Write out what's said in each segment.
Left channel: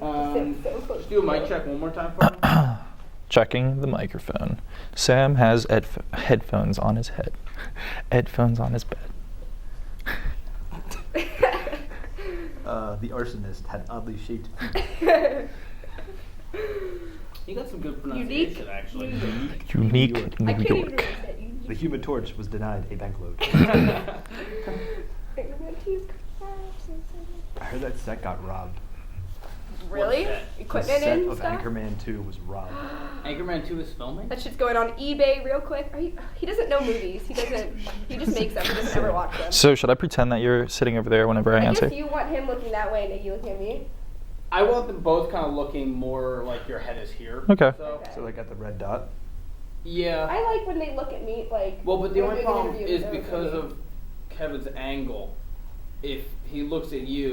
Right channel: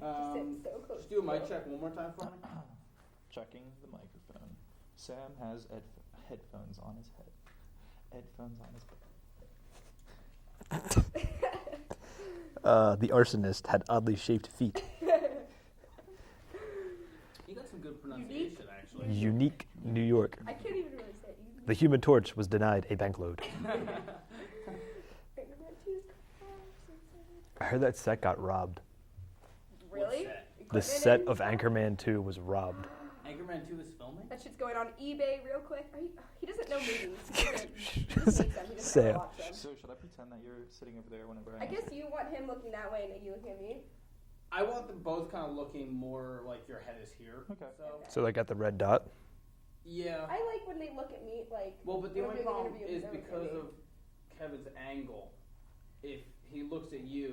Just do a mic check one more time for me. Checking the microphone. Sam has headphones on his head. Headphones on his bed. The arsonist had oddly shaped feet. You got some good pronunciation, actually. Unique New York. The Human Torch was denied a bankload. I heard that set got robbed. Really? The Equipment set and of stuff? Anchorman 2 was robbed. Anchorman 2 is filming? That shit's going on eBay real quick. He doesn't know movies. He just makes them. He doesn't ever watch them. So should I pretend that you're sitting over there whenever I answer? guess you want him looking that way and Nikki looking at me. I want them both kind of looking more like your head is here. Okay. So like at the red dot? Yeah. I like when they look at me like. Well, but the when only I'm doing an problem interview is with them because looking at of Kevin's angle. If he looks at you,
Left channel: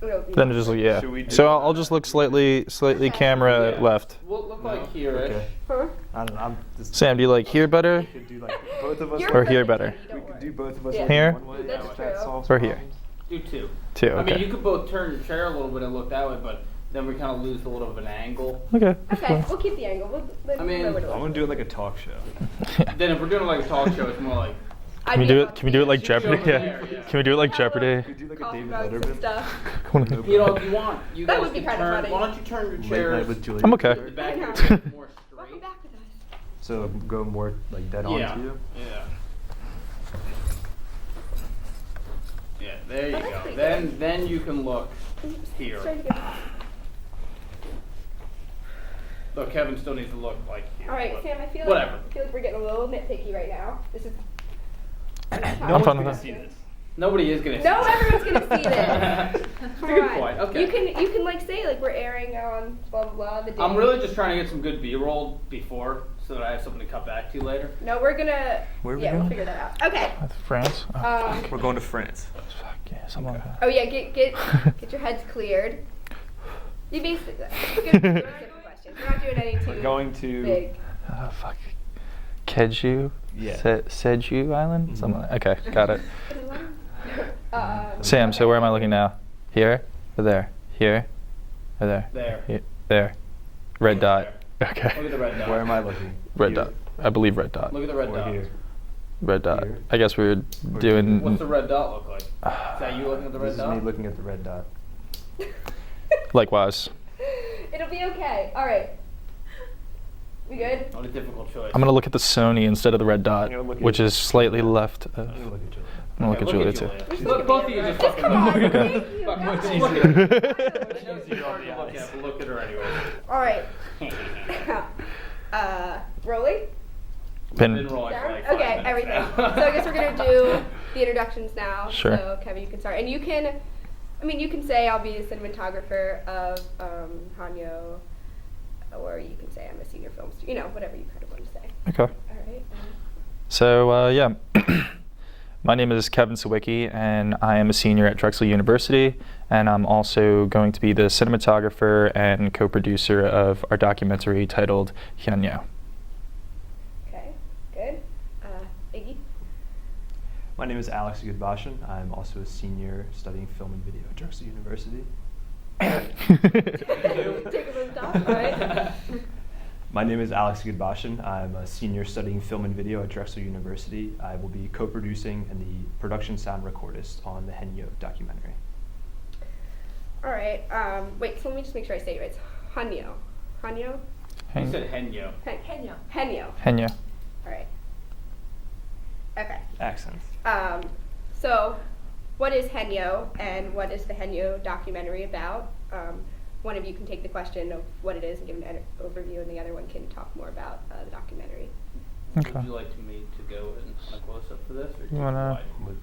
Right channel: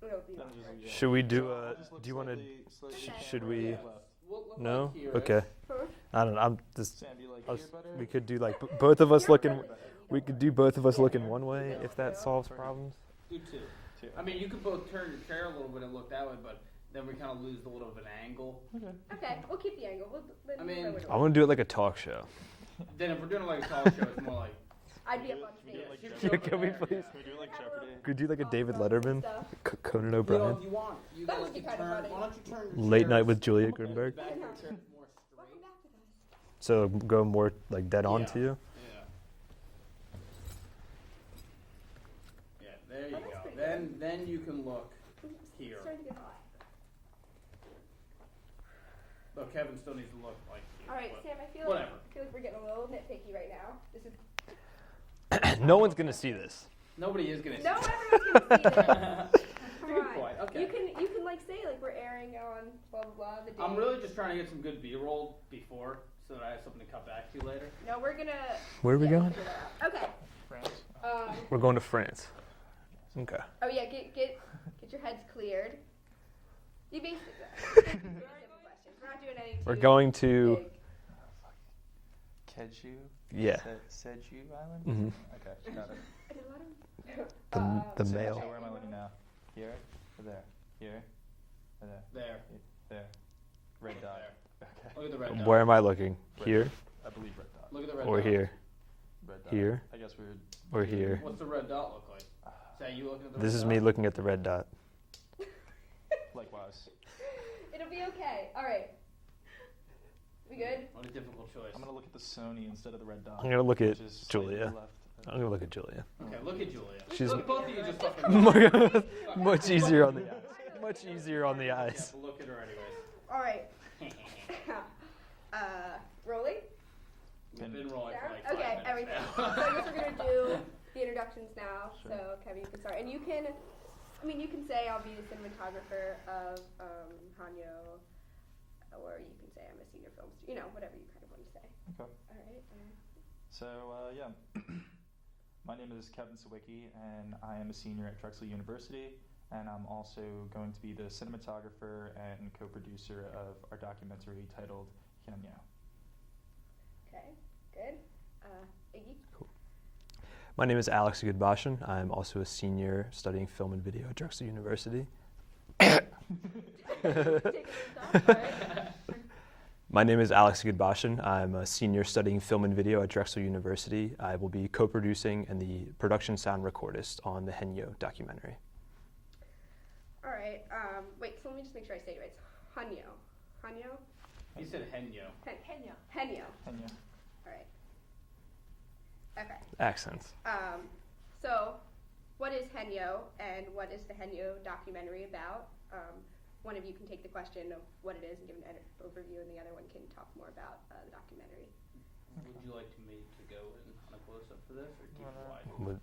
me. It'll be- Then just yeah. Should we do So I'll just look slightly Okay. camera Yeah. left. we'll look No? like here. Okay. Huh? I don't know. I'm just. Sam, do you like here better? We could do like both of us You're Or look. good here at better? it, We don't could worry. do both of us Yeah. looking Here? one way. That's If that true. solves Or here? problems. Do two. Two. I mean, Okay. you could both turn your chair a little bit and look that way, but then we kind of lose a little of an angle. Okay. Okay, we'll keep the angle. I mean, we'll I want to do it like a talk show. Then if we're doing like a talk show, it's more like. Can we do it? Can we do it like Jeopardy? Yeah. Can we do it like Jeopardy? Could do like a Coffee David mugs and Letterman. stuff. No You know, problem. if you want, you That guys would be can kinda turn. funny. Why don't you turn your Late chairs night with Julia. I'm okay. to the back Okay. of your more Welcome straight? back with us. So go more like dead on Yeah. to you. Yeah. Yeah, there you Oh, that's go. pretty Then you can look here. Try to get- So Kevin still needs to look like here. All right, but Sam. I feel whatever. like we're getting a little nitpicky right now. This is. No one's fine gonna with see this. Nobody is gonna. No, see everyone's gonna see this. That's Come a good on. point. Okay. You can like say like we're airing on blah blah blah the day. I'm really just trying to get some good B-roll before, so that I have something to cut back to later. No, we're gonna. Where are we yeah, going? we'll figure that out. Okay. France. Oh, Um. We're going to France. fuck yeah, something like that. Oh yeah, get your heads cleared. You basically. It's good. We're not doing questions. We're not doing any too We're going to. big. Oh fuck. Keju. Yeah. Seju Island. Mhm. Something. Like, okay, got it. the- Sam, so where am I looking now? Here or there? Here or there? There. Here. There. Red dot. Okay. Look at the red dot. Where am I looking? Red Here? dot. I believe red dot. Look at the red Or dot. here? Red dot. Here? I guess we were Or doing. What's the red dot look like? Is that you looking at the red This is dot? me looking at the red dot. Likewise. It'll be okay. All right. We good? Not a difficult choice. I'm gonna look at the Sony instead of the red dot, I'm gonna look at which is slightly Julia. left. I'm gonna look at Julia. I'm gonna look at Julia too. She's Look, both of you just Just fucking come on. Fuck, Much just easier. look at her. Much easier on the Yeah, eyes. look at her anyway. All right. Rolling. Pin. Been rolling for Down? like 5 Okay, minutes everything. now. So I guess we're gonna do the introductions now. Sure. So Kevin, you can start, and you can. I mean, you can say I'll be the cinematographer of Hanyo, or you can say I'm a senior film student. You know, whatever you kind of want to say. Okay. All right. So yeah, my name is Kevin Sawicki, and I am a senior at Drexel University, and I'm also going to be the cinematographer and co-producer of our documentary titled Hyunyo. Okay. Good. Iggy. My name is Alex Goodbashan. I'm also a senior studying film and video at Drexel University. Take a little stop. All right. My name is Alex Goodbashan. I'm a senior studying film and video at Drexel University. I will be co-producing and the production sound recordist on the Henyo documentary. All right. Wait. So let me just make sure I say it right. It's Hanyo. Hanyo. You said Henyo. Henyo. Henyo. Hyunyo. All right. Okay. Accents. So, what is Henyo and what is the Henyo documentary about? One of you can take the question of what it is and give an overview, and the other one can talk more about the documentary. Okay. Would you like me to go in a close-up for this? Or You wanna-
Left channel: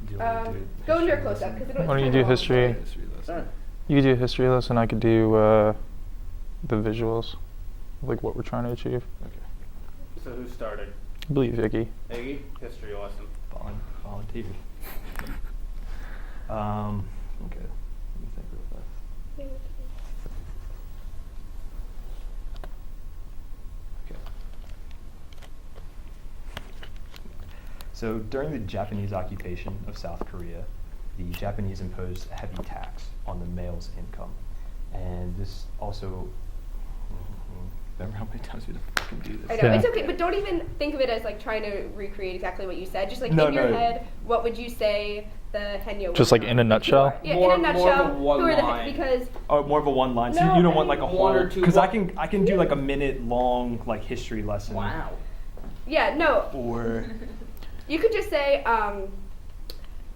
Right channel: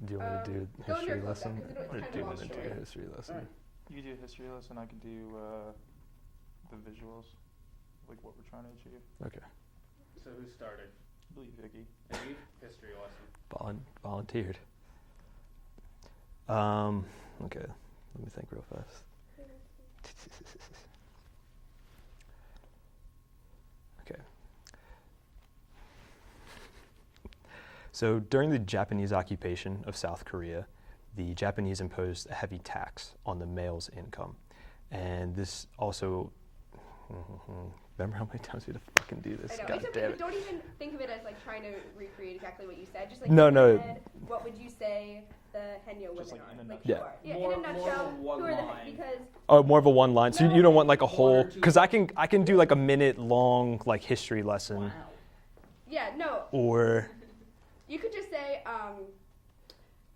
Do you want to do Go into history your close-up, lesson? 'cause it Why don't you It's do kinda long. history? History lesson. Alright. You could do a history lesson. I could do the visuals, like what we're trying to achieve. Okay. So who's starting? I believe Vicky. Iggy? History lesson. Volunteered. Okay. Let me think real fast. Okay. So during the Japanese occupation of South Korea, the Japanese imposed a heavy tax on the male's income. And this also, remember how many times we had to fucking do this? I know, Yeah. it's okay, but don't even think of it as like trying to recreate exactly what you said. Just like No, in your no. head, what would you say the Henyo Just was? like in a nutshell? Yeah, More- in a more of a nutshell, one who are the line. because Oh, more of a one line. So No, you don't want like a one whole, or two because I one- can do like a minute long like history lesson. Wow. yeah, no, Or you could just say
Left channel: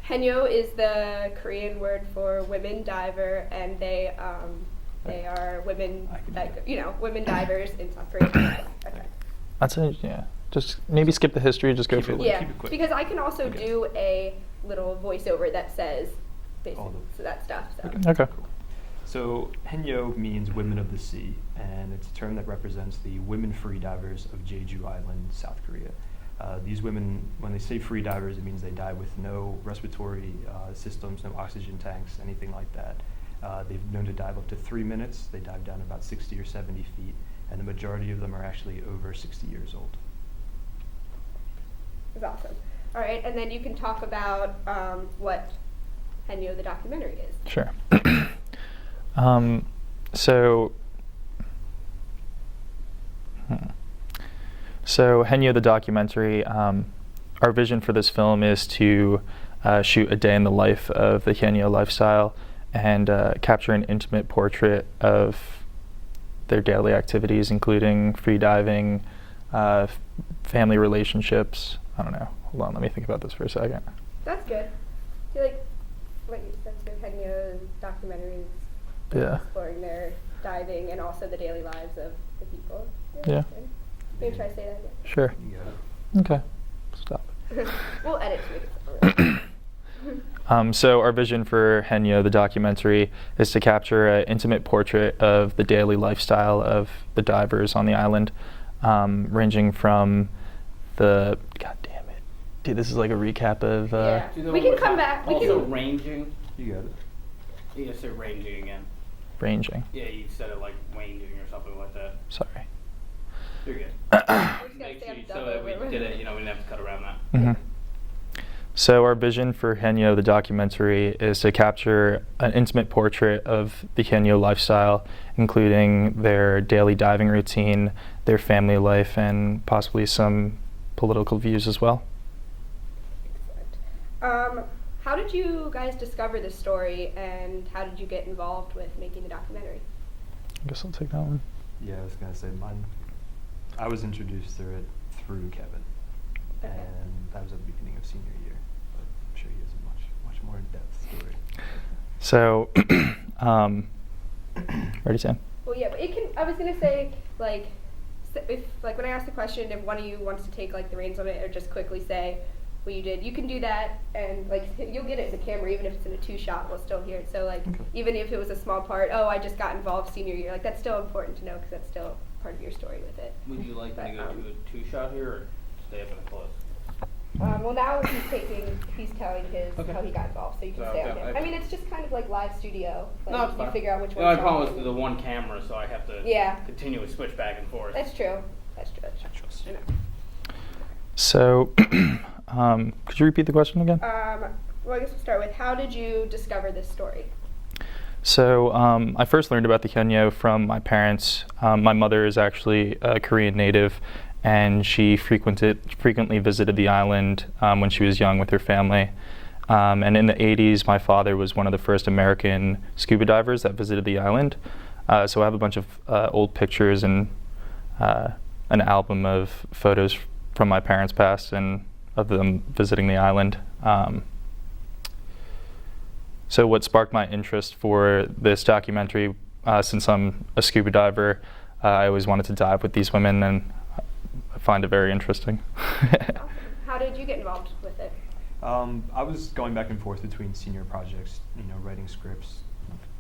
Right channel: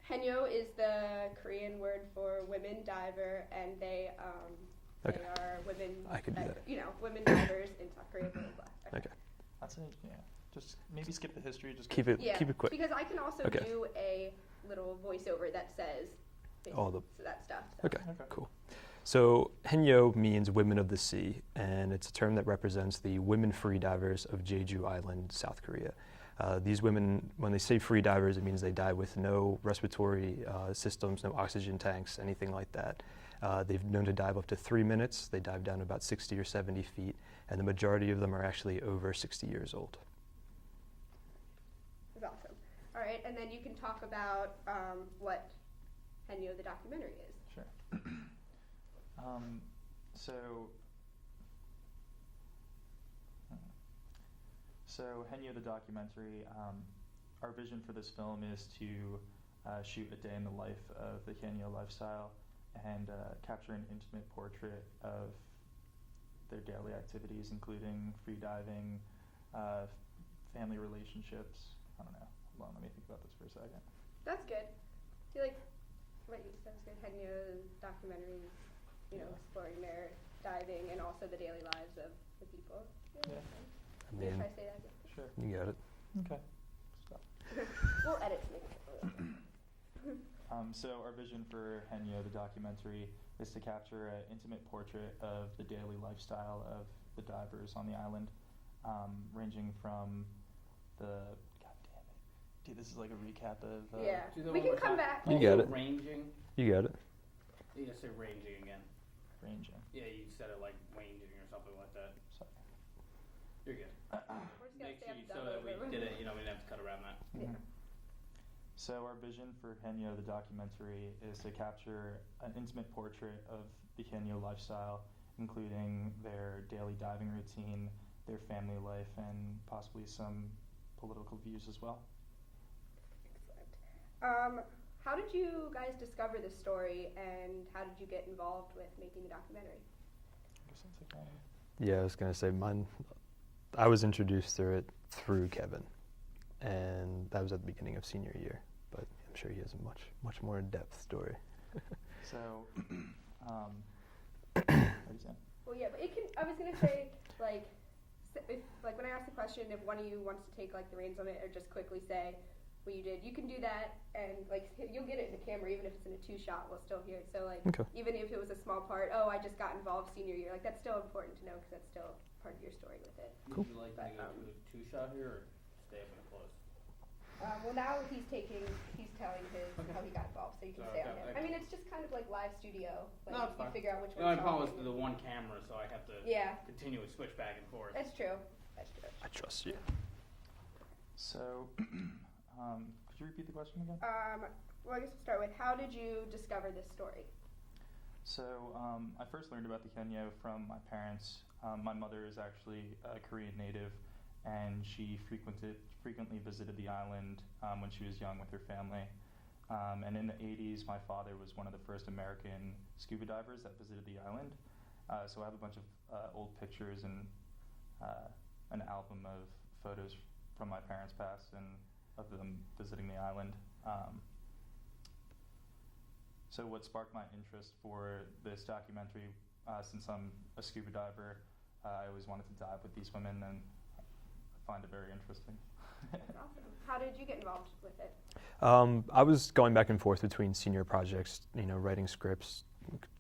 Henyo is the Korean word for women diver, and they are women I could do that that. women divers in South Korea. Okay. That's it. Yeah. Just maybe skip the history. Just go Keep for it- it. Yeah, keep it quick. because I can also Okay. do a little voiceover that says All basically the- that stuff. So. Okay. Cool. So Henyo means women of the sea, and it's a term that represents the women free divers of Jeju Island, South Korea. These women, when they say free divers, it means they dive with no respiratory systems, no oxygen tanks, anything like that. They've known to dive up to 3 minutes. They dive down about 60 or 70 feet, and the majority of them are actually over 60 years old. It's awesome. All right, and then you can talk about what Henyo the documentary is. Sure. So, so Henyo the documentary, our vision for this film is to shoot a day in the life of the Henyo lifestyle and capture an intimate portrait of their daily activities, including free diving, family relationships. I don't know. Hold on, let me think about this for a second. That's good. I feel like that's good. Henyo documentaries Yeah. exploring their diving and also the daily lives of the people. Yeah. Interesting. Maybe try to say that again. Sure. You got it. Okay. Stop. We'll edit to make it sound real. So our vision for Henyo, the documentary, is to capture an intimate portrait of the daily lifestyle of the divers on the island, ranging from the, God damn it, dude, this is like a recap of, Yeah. Do you know We what can come we're back. We talking- can. Also ranging. You got it. You just said ranging again. ranging. Yeah, you said it like ranging or something like that. Sorry. You're good. We're just gonna Make say sure I'm you, done so that we over. did it, we didn't have to cut around that. Mhm. So our vision for Henyo, the documentary, is to capture an intimate portrait of the Henyo lifestyle, including their daily diving routine, their family life, and possibly some political views as well. Excellent. How did you guys discover this story, and how did you get involved with making the documentary? I guess I'll take that one. Yeah, I was gonna say mine. I was introduced to it through Kevin, and that was at the beginning of senior year. But I'm sure he has a much more in-depth story. So, ready, Sam? Well, yeah, but it can. I was gonna say like, if like when I asked the question, if one of you wants to take like the reins on it, or just quickly say what you did, you can do that, and like you'll get it in the camera, even if it's in a 2-shot, we'll still hear it. So like, Okay. even if it was a small part, oh, I just got involved senior year, like that's still important to know because that's still part of your story with it. Would you like me to go to a 2-shot here or stay up and close? Well, now he's telling his Okay. how he got involved, so you can So, stay on yeah, him. I- I mean, it's just kind of like live studio. Like No, it's you fine. figure out which The one. only problem was the one camera, so I have to Yeah. continually switch back and forth. That's true. That's true. That's I true. trust you. So, could you repeat the question again? Well, I guess we'll start with how did you discover this story? So I first learned about the Henyo from my parents. My mother is actually a Korean native, and she frequently visited the island when she was young with her family. And in the 80s, my father was one of the first American scuba divers that visited the island. So I have a bunch of old pictures and an album of photos from my parents' past and of them visiting the island. So what sparked my interest for this documentary, since I'm a scuba diver, I always wanted to dive with these women, and I find it very interesting. Awesome. How did you get involved with it? I was going back and forth between senior projects, writing scripts,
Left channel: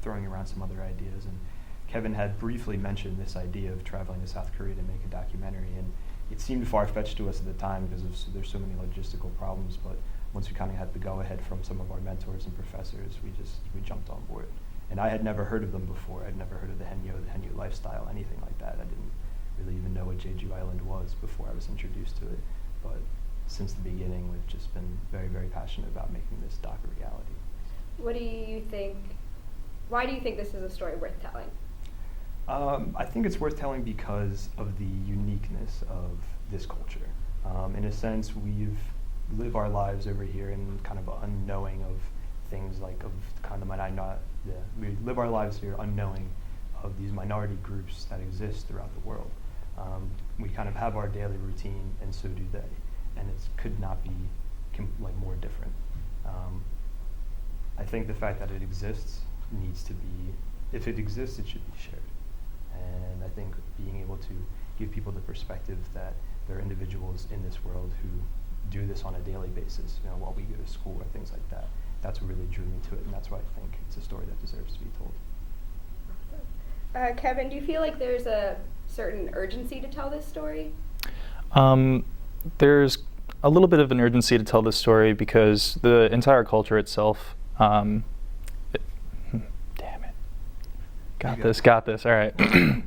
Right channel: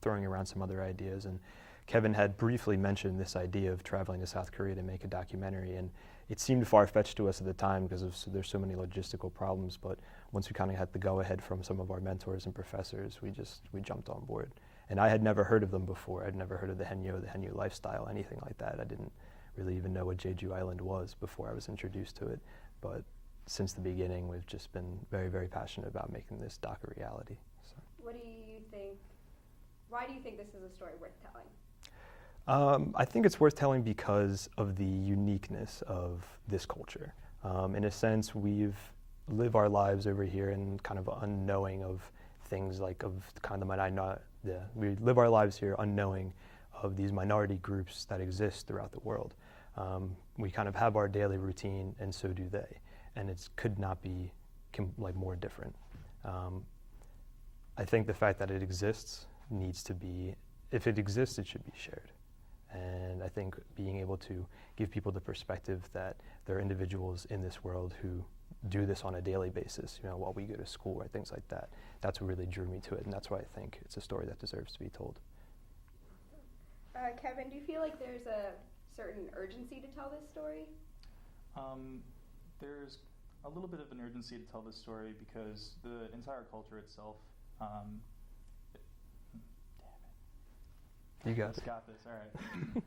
throwing around some other ideas, and Kevin had briefly mentioned this idea of traveling to South Korea to make a documentary, and it seemed far-fetched to us at the time because there's so many logistical problems, but once we kind of had the go-ahead from some of our mentors and professors, we jumped on board. And I had never heard of them before. I'd never heard of the Henyo lifestyle, anything like that. I didn't really even know what Jeju Island was before I was introduced to it. But since the beginning, we've just been very, very passionate about making this doc a reality. What do you think? why do you think this is a story worth telling? I think it's worth telling because of the uniqueness of this culture. In a sense, we've lived our lives over here and kind of unknowing of things like of kind of we live our lives here unknowing of these minority groups that exist throughout the world. We kind of have our daily routine, and so do they, and it could not be more different. I think the fact that it exists needs to be, if it exists, it should be shared. And I think being able to give people the perspective that there are individuals in this world who do this on a daily basis, while we go to school or things like that, that's what really drew me to it, and that's why I think it's a story that deserves to be told. Kevin, do you feel like there's a certain urgency to tell this story? There's a little bit of an urgency to tell this story because the entire culture itself, damn it. Got this, all right. A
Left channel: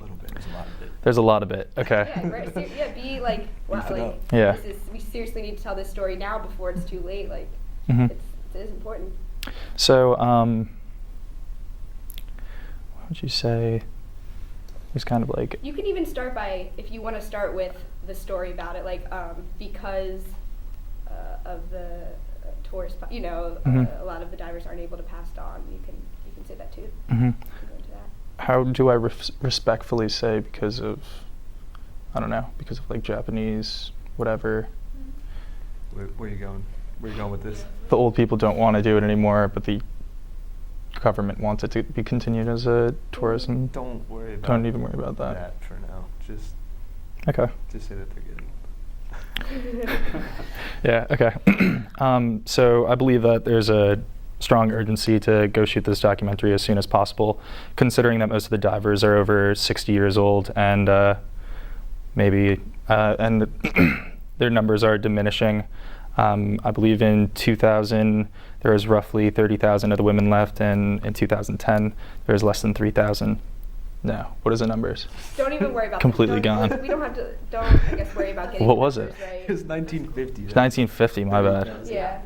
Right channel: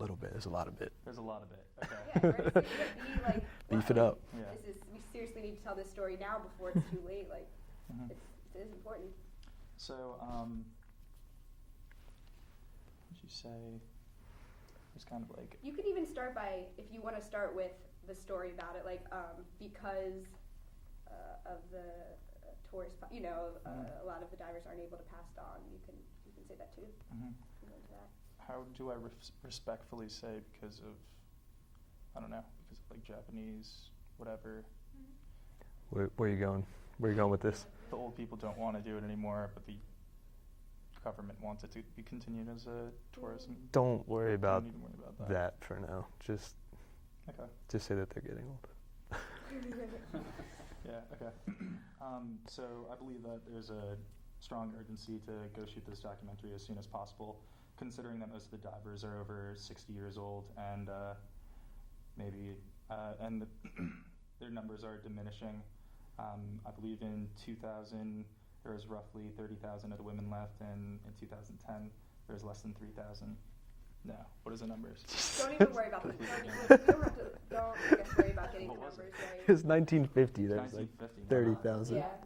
little bit, there's a lot of it. There's a lot of it, okay. Yeah, right. Be like, wow, Beef it up. Yeah. we seriously need to tell this story now before it's too late. Like, Mhm. it is important. So, what would you say? It's kind of like. You can even start by, if you want to start with the story about it, like because of the tourist, Mhm. a lot of the divers aren't able to pass it on. You can say that too. Mhm. You can go into that. How do I respectfully say because of, I don't know, because of like Japanese, whatever. Where are you going? Where are you going with this? The old people don't want to do it anymore, but the government wants it to be continued as a tourism. Don't worry about Don't even worry about that. for now. Just Okay. say that they're getting Yeah, okay. So I believe that there's a strong urgency to go shoot this documentary as soon as possible, considering that most of the divers are over 60 years old and and their numbers are diminishing. I believe in 2000 there was roughly 30,000 of the women left, and in 2010 there was less than 3,000. No, what is the numbers? Don't even worry about Completely that. gone. We don't have to. Don't I guess worry about getting. What the was numbers it? Right. It's 1950. It's 1950, my bad. 30,000. Yeah.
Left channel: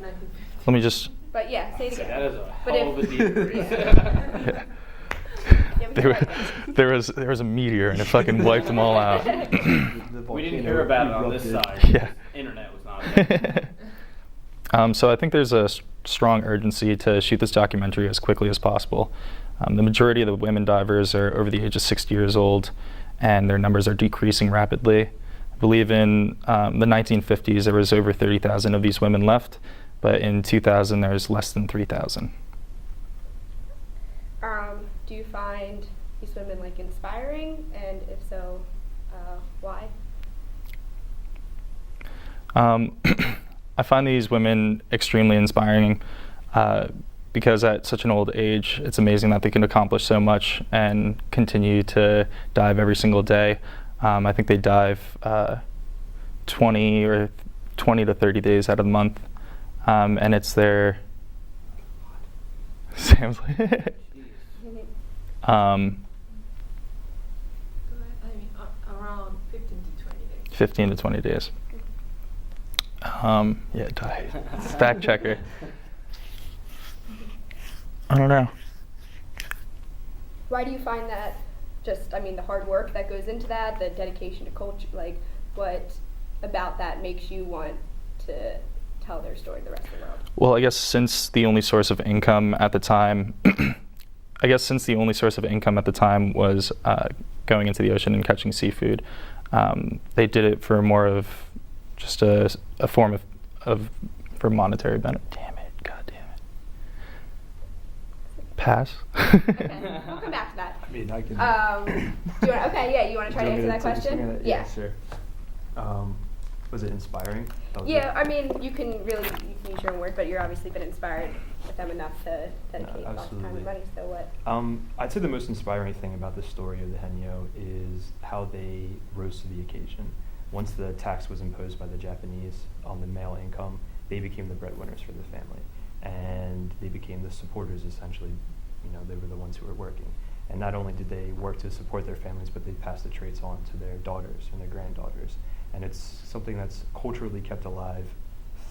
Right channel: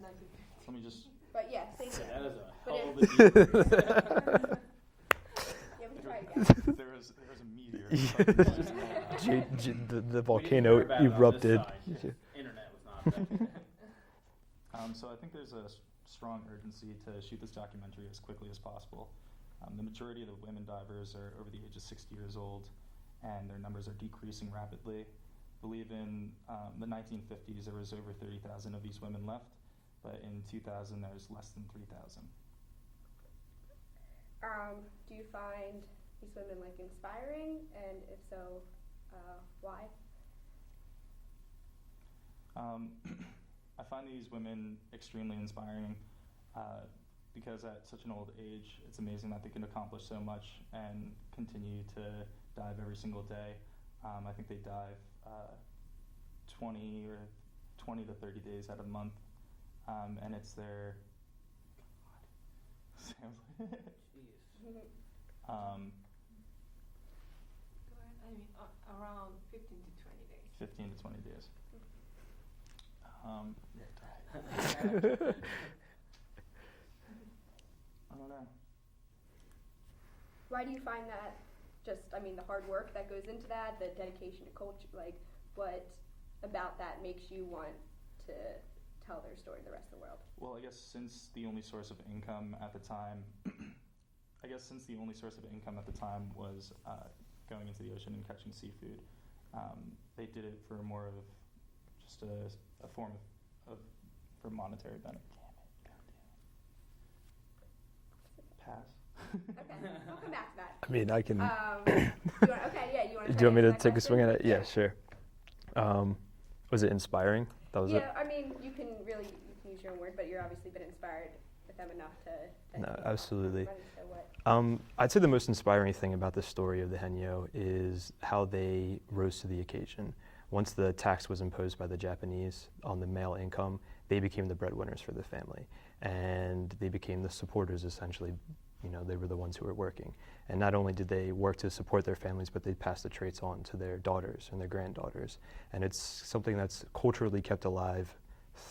Let me just. But yeah, say it again. That is a But hell of a if- decrease. Yeah. Yeah, we There, can write there was a meteor and it fucking wiped them all out. The We didn't volcano hear about it on this erupted. side. Yeah. Internet was not there. So I think there's a strong urgency to shoot this documentary as quickly as possible. The majority of the women divers are over the age of 60 years old, and their numbers are decreasing rapidly. I believe in the 1950s there was over 30,000 of these women left, but in 2000 there's less than 3,000. Do you find these women inspiring, and if so, why? I find these women extremely inspiring because at such an old age, it's amazing that they can accomplish so much and continue to dive every single day. I think they dive 20 to 30 days out of the month, and it's their. Sam's like, Around 15 to 20 days. 15 to 20 days. Yeah, die. Fact checker. I don't know. Why do you find that? The hard work that goes into that, the dedication to culture, what about that makes you want to tell their story to the rest of the world? Well, I guess since the only source of income at the time, was going into the ocean and catching seafood, they did it for more of just a form of for monetary benefit. Damn it! God damn it! Pass. Okay, we'll come back to that. I mean, I can. You want to try Do to you answer want me to that take a question? swing at it? Yeah, sure. Was it inspiring? That was Yeah, you can use your own work, but you're obviously been inspired with them enough to dedicate lots of time absolutely. and money. So what? I'd say the most inspiring thing about the story of the Henyo is how they rose to the occasion. Once the tax was imposed by the Japanese on the male income, they became the breadwinners for the family, and they became the supporters essentially. They were the ones who were working. And not only did they work to support their families, but they passed the traits on to their daughters and their granddaughters. And it's something that's culturally kept alive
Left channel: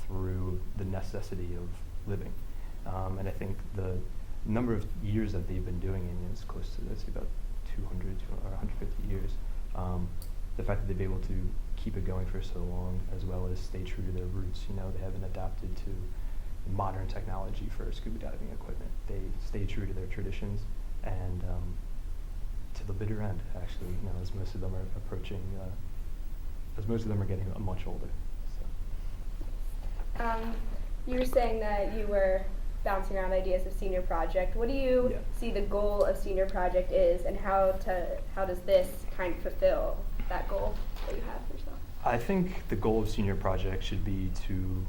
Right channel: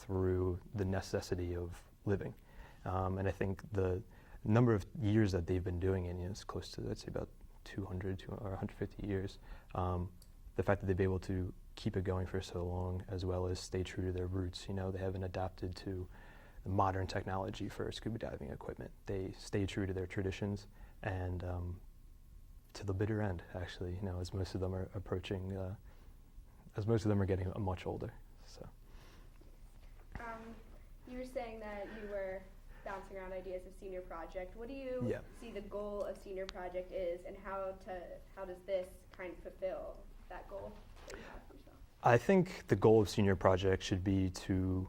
through the necessity of living. And I think number of years that they've been doing it, and it's close to, let's say, about 200 or 150 years. The fact that they've been able to keep it going for so long, as well as stay true to their roots. You know, they haven't adapted to modern technology for scuba diving equipment. They stay true to their traditions, and to the bitter end, actually. You know, as most of them are approaching, as most of them are getting much older. So. You were saying that you were bouncing around ideas of senior project. What do you Yeah. see the goal of senior project is, and how does this kind of fulfill that goal that you have for yourself? I think the goal of senior project should be to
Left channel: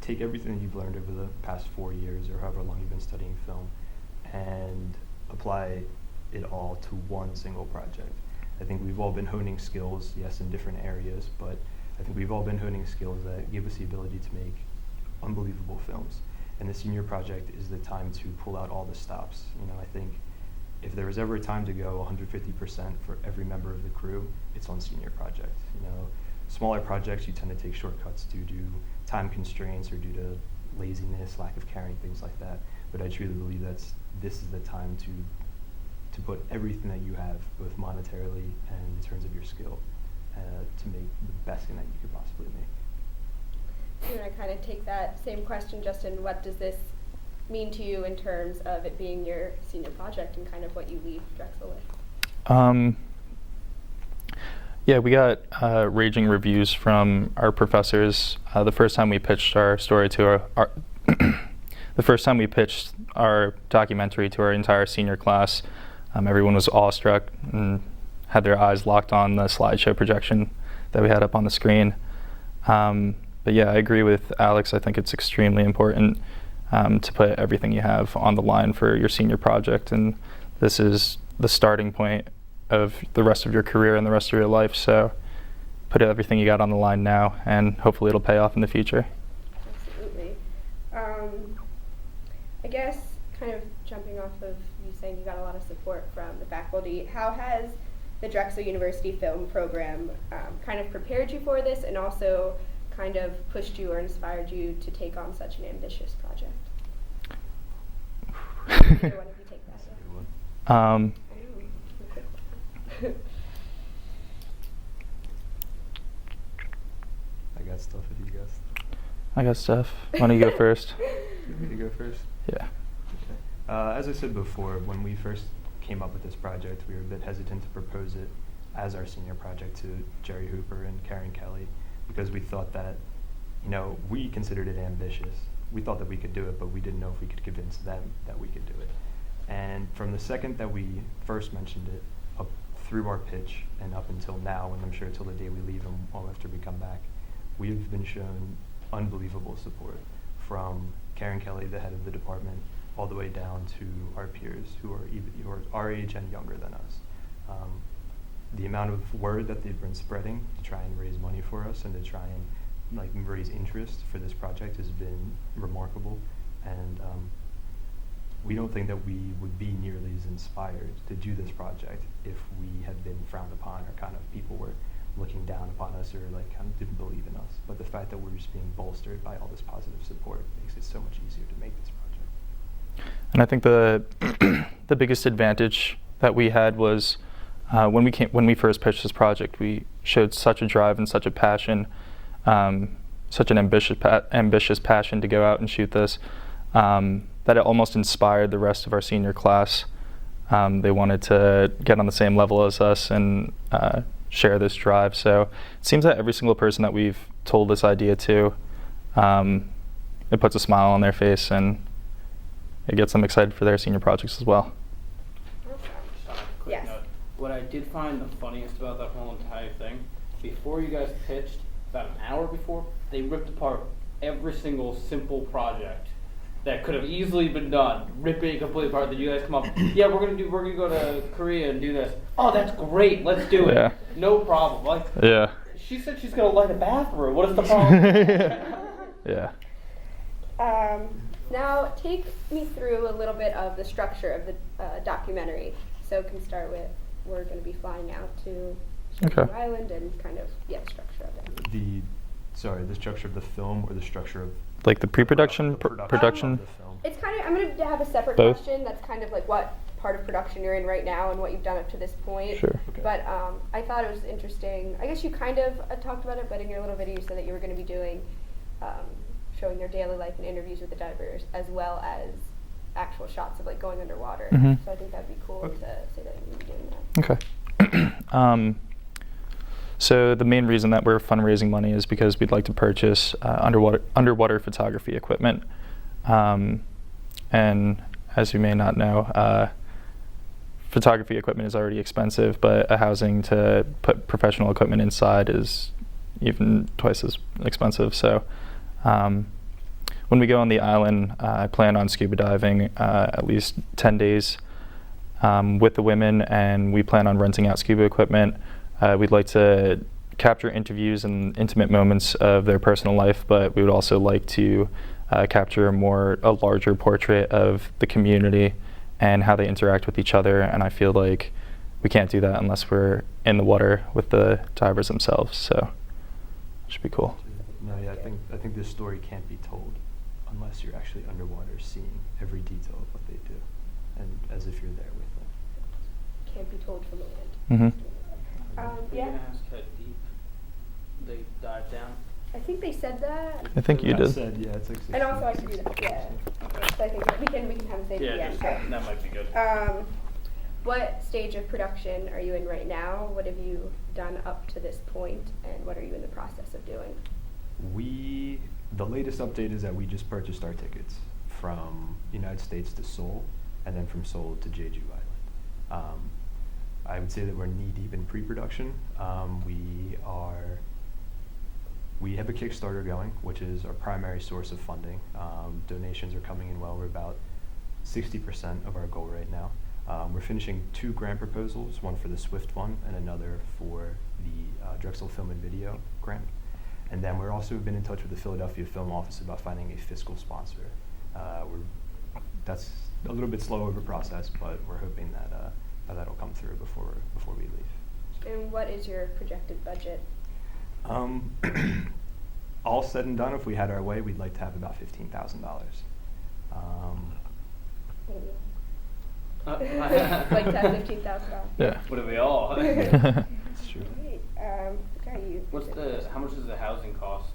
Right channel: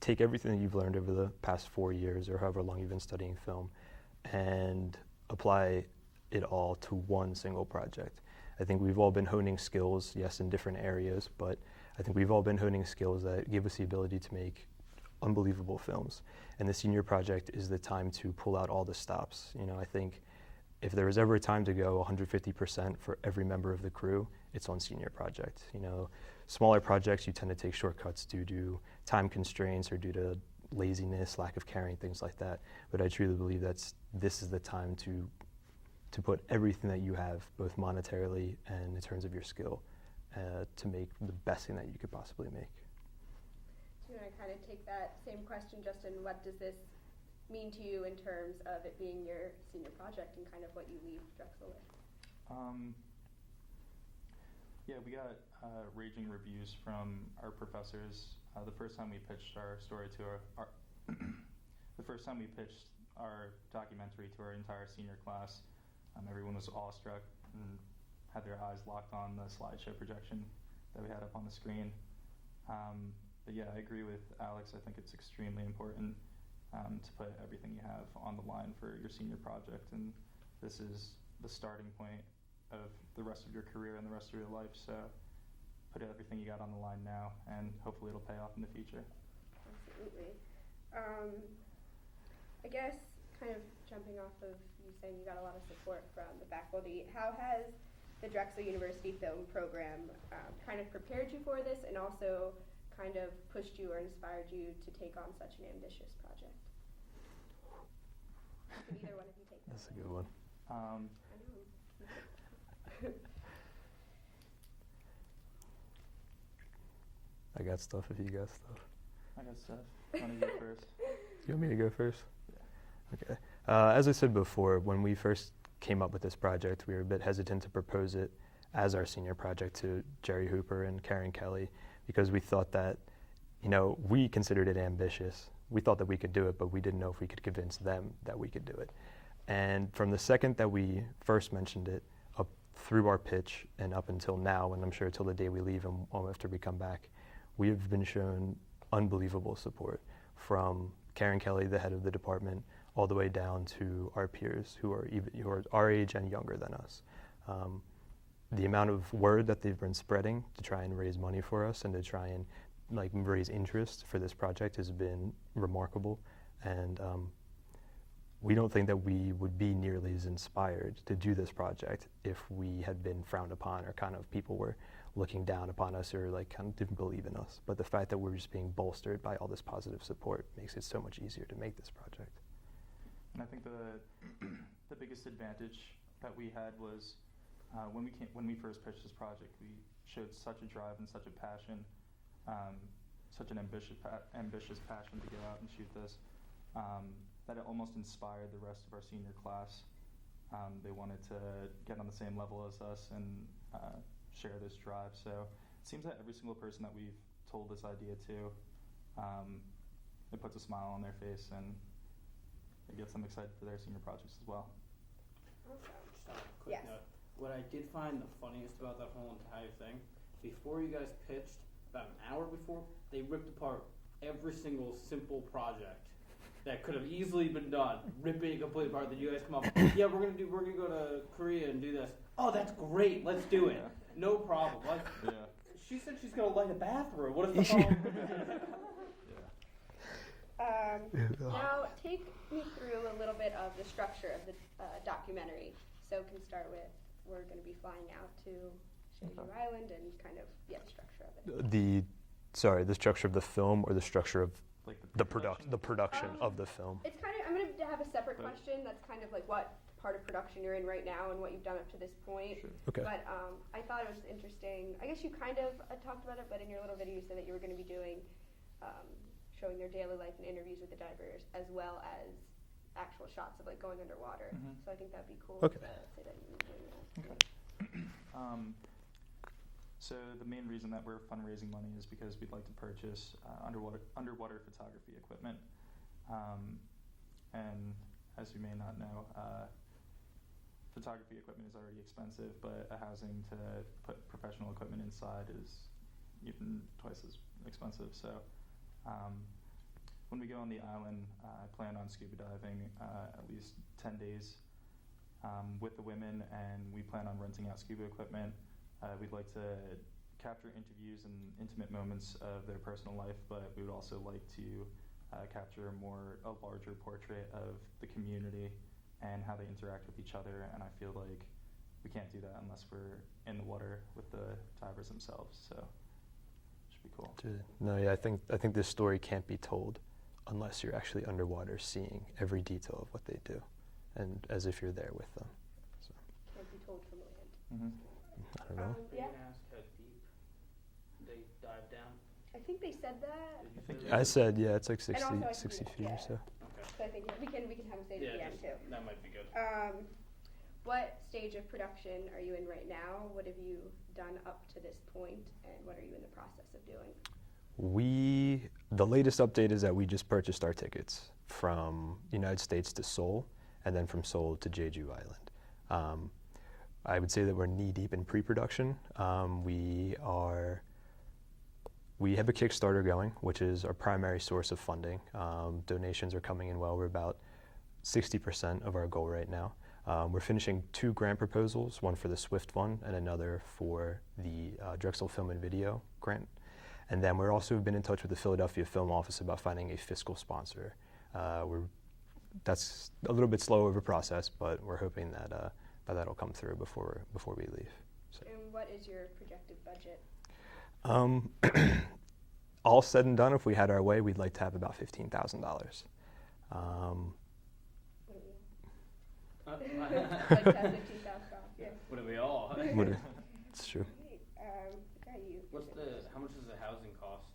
take everything that you've learned over the past 4 years or however long you've been studying film and apply it all to one single project. I think we've all been honing skills, yes, in different areas, but I think we've all been honing skills that give us the ability to make unbelievable films. And the senior project is the time to pull out all the stops. You know, I think if there was ever a time to go 150% for every member of the crew, it's on senior project. You know, smaller projects, you tend to take shortcuts due to time constraints or due to laziness, lack of caring, things like that. But I truly believe this is the time to put everything that you have, both monetarily and in terms of your skill, to make the best thing that you could possibly make. I'm going to kind of take that same question, Justin. What does this mean to you in terms of it being your senior project and kind of what you leave Drexel with? Yeah, we got raging reviews from our professors. The first time we pitched our story to our the first time we pitched our documentary to our entire senior class, everyone was awestruck and had their eyes locked on the slideshow projection that we had up on the screen. But yeah, I agree with Alex. I think it's extremely important to put everything you have on the line for your senior project, and this is the starting point of the rest of your career and the rest of your life. So put everything you got on the line now, and hopefully it'll pay off in the future. Absolutely. I guess kind of jumping off of you saying you got a lot of support from the faculty, how has the Drexel University Film Program kind of prepared you for this and also kind of pushed you or inspired you to take on such an ambitious project? Either one of you take that, That's a yeah. good one. I got stuff if you got stuff. I got stuff. Why don't you go first? You want me to go first? Yeah. Okay. As I said before, when we first came up with this project, we were a bit hesitant to propose it as our senior project to Jerry Hooper and Karen Kelly, because we thought that, you know, we considered it ambitious. We thought that we could do it, but we didn't know if we could convince them that we could do it. And from the second that we first mentioned it, up through our pitch and up until now, and I'm sure till the day we leave and after we come back, we've been shown unbelievable support from Karen Kelly, the head of the department, all the way down to our peers who are our age and younger than us. The amount of word that they've been spreading to try and raise money for us and to try and raise interest for this project has been remarkable, and we don't think that we would be nearly as inspired to do this project if we had been frowned upon or kind of people were looking down upon us or kind of didn't believe in us. But the fact that we're just being bolstered by all this positive support makes it so much easier to make this project. And I think the the biggest advantage that we had was when we first pitched this project, we showed such a drive and such a passion, such an ambitious passion to go out and shoot this, that it almost inspired the rest of our senior class. They wanted to get on the same level as us and share this drive. So it seems that every single person that we've told this idea to, it puts a smile on their face and it gets them excited for their senior projects as well. Quick Yes. note. What I did find the funniest about that whole entire thing, before you guys pitched, about an hour before, they ripped apart every single simple project that could have easily been done, ripping it completely apart. That you guys come up, yeah, we're gonna go to Korea and do this. Oh, that's great, let's do it. Yeah. No problem. Like, Yeah. she said she's gonna light a bathroom. What is the problem? Yeah. Now, take me through a little bit of the structure of the documentary. So we can start with, we're going to be flying out to Shanghai Okay. Island and kind of, the structure of it. The structure of the film or the structure of Like the pre-production, the production production. of the film. It's kind of, I'm gonna have a separate Both? question that's kind of like what part of production you're in right now and what you've done up to this point. Sure. Okay. But I thought it was interesting. I guess you kind of talked about it, but in your little video you said that you were going to be doing, showing their daily life and interviews with the divers, as well as actual shots of like going underwater. Mhm. So I think that'd be cool Okay. to say that you're going to be doing that. Okay. So the main reason that we're fundraising money is because we'd like to purchase underwater photography equipment. And as you may not know, photography equipment is already expensive, but a housing to put professional equipment inside is even twice as expensive. So when we go on the island, I plan on scuba diving at least 10 days with the women, and we plan on renting out scuba equipment. We'd like to capture interviews and intimate moments of their personal life, but we would also like to capture a larger portrait of the community and how they interact with each other. And I feel like we can't do that unless we're in the water with the divers themselves. So it should be cool. No, yeah, I think this story can't be told unless you're actually underwater, seeing every detail of what they do, and as if you're there with them. Can't be told from the land. Mm-hmm. Yeah, Can I ask how deep they dive down? I think they said that. I think you I did. said, yeah, it's like 60, And also I can do 60 that. feet, Yeah. so. So I think that we can have a thing Yeah, at the end. just, So, that might be good. what stage of production are you in right now? What have you done up to this point, and what are you in the process of doing? The latest update is that we just purchased our tickets from United States to Seoul, and then from Seoul to Jeju Island. I would say that we're knee deep in pre-production. We have a Kickstarter going, which is our primary source of funding. Donations are coming in well. We're about 60% of our goal right now. We're finishing 2 grant proposals, one for the SWIFT Fund and another for the Drexel Film and Video grant. And then we're also been in touch with the Philadelphia Film Office about finding a fiscal sponsor. That's a little bit slow of a process, but we're hoping that that'll come through before we leave. And what is your projected budget? All said and done, if we had our way, we'd like to have about $15,000. Like to have $15,000. Yeah. What are we all? It's true. Great. Okay, you. How much does the housing cost?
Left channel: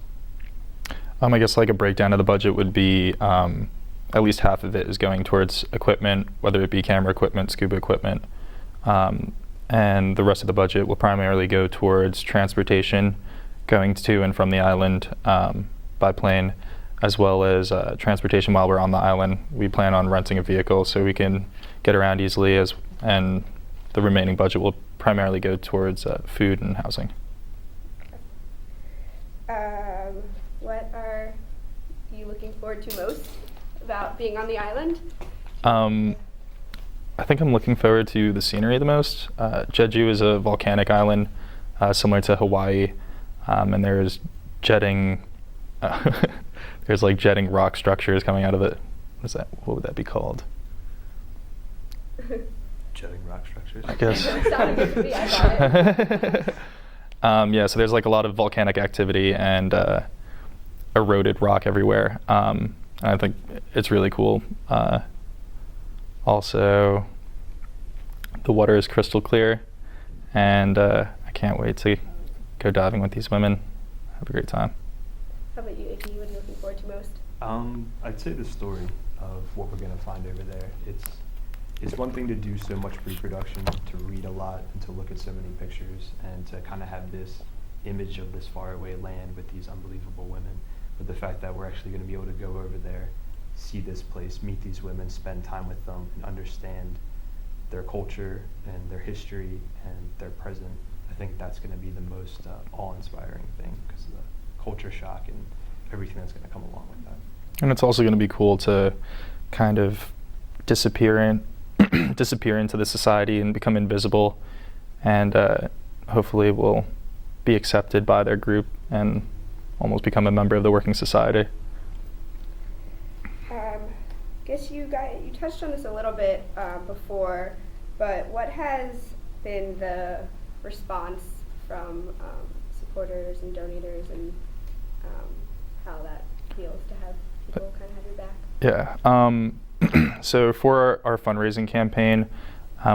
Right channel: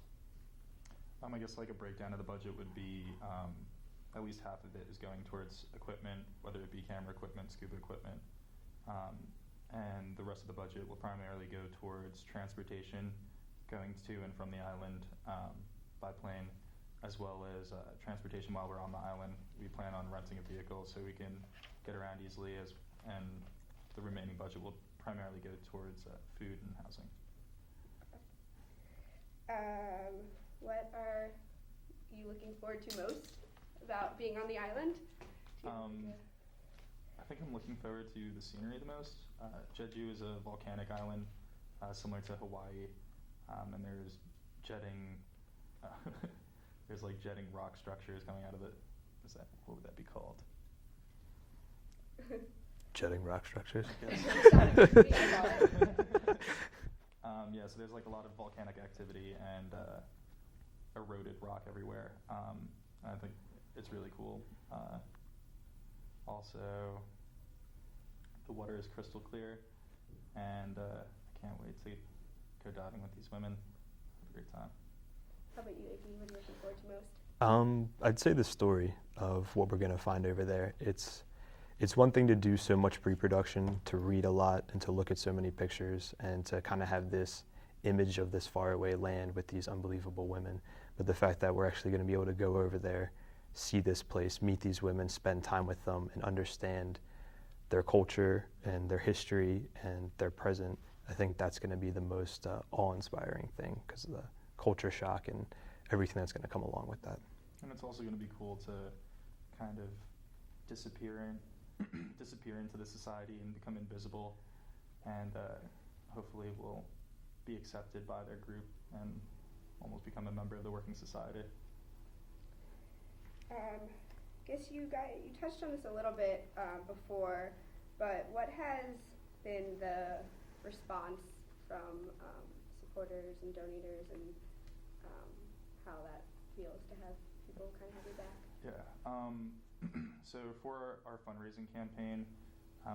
I guess like a breakdown of the budget would be at least half of it is going towards equipment, whether it be camera equipment, scuba equipment, and the rest of the budget will primarily go towards transportation, going to and from the island by plane, as well as transportation while we're on the island. We plan on renting a vehicle so we can get around easily, and the remaining budget will primarily go towards food and housing. What are you looking forward to most about being on the island? I think I'm looking forward to the scenery the most. Jeju is a volcanic island similar to Hawaii, and there's jetting there's like jetting rock structures coming out of it. What would that be called? Jetting rock structures. I guess. Sounded good to me, I got it. Yeah, so there's like a lot of volcanic activity and eroded rock everywhere. And I think it's really cool. Also, the water is crystal clear, and I can't wait to go diving with these women. Have a great time. How about you, Icky? What are you looking forward to most? I'd say the story of what we're gonna find over there. It's one thing to do so much pre-production, to read a lot, and to look at so many pictures, and to kind of have this image of this faraway land with these unbelievable women. But the fact that we're actually going to be able to go over there, see this place, meet these women, spend time with them, and understand their culture and their history and their present, I think that's going to be the most awe-inspiring thing, because of the culture shock and everything that's going to come along with that. And it's also going to be cool to kind of disappear into the society and become invisible, and hopefully we'll be accepted by their group and almost become a member of the working society. Guess you touched on this a little bit before, but what has been the response from supporters and donators, and how that feels to have people kind of have your back? Yeah. So for our fundraising campaign,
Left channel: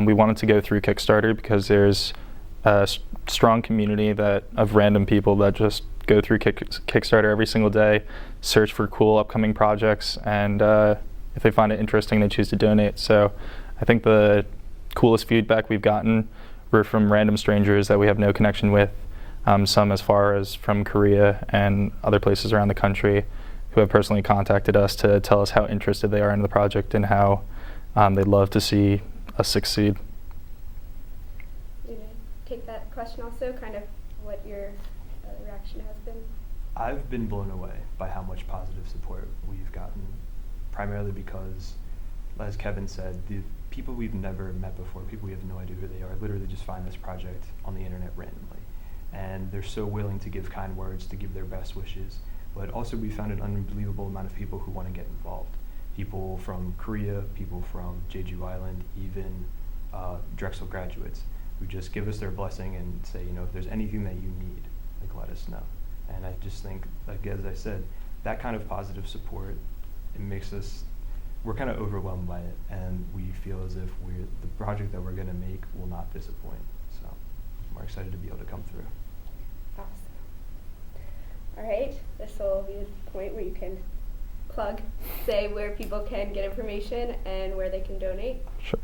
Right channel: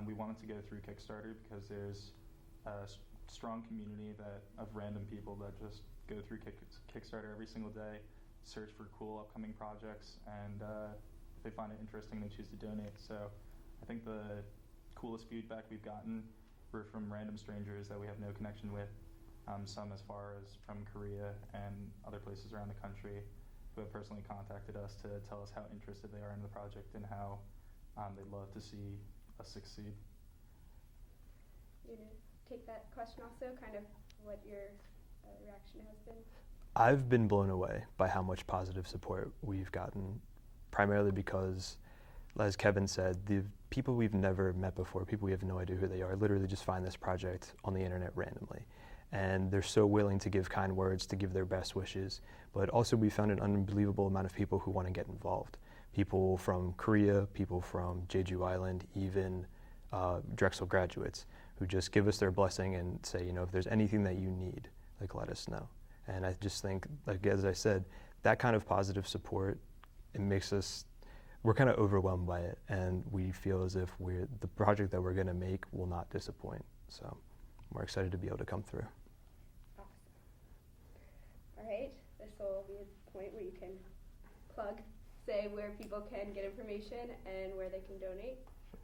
we wanted to go through Kickstarter because there's a strong community of random people that just go through Kickstarter every single day, search for cool upcoming projects, and if they find it interesting, they choose to donate. So I think the coolest feedback we've gotten were from random strangers that we have no connection with, some as far as from Korea and other places around the country who have personally contacted us to tell us how interested they are in the project and how they'd love to see us succeed. You know, take that question also, kind of what your reaction has been. I've been blown away by how much positive support we've gotten, primarily because, as Kevin said, the people we've never met before, people we have no idea who they are, literally just find this project on the internet randomly. And they're so willing to give kind words, to give their best wishes. But also we found an unbelievable amount of people who want to get involved. People from Korea, people from Jeju Island, even Drexel graduates who just give us their blessing and say, if there's anything that you need, let us know. And I just think, as I said, that kind of positive support, it makes we're kind of overwhelmed by it, and we feel as if the project that we're going to make will not disappoint. So we're excited to be able to come through. Awesome. All right, this will be the point where you can say where people can get information and where they can donate. Sure.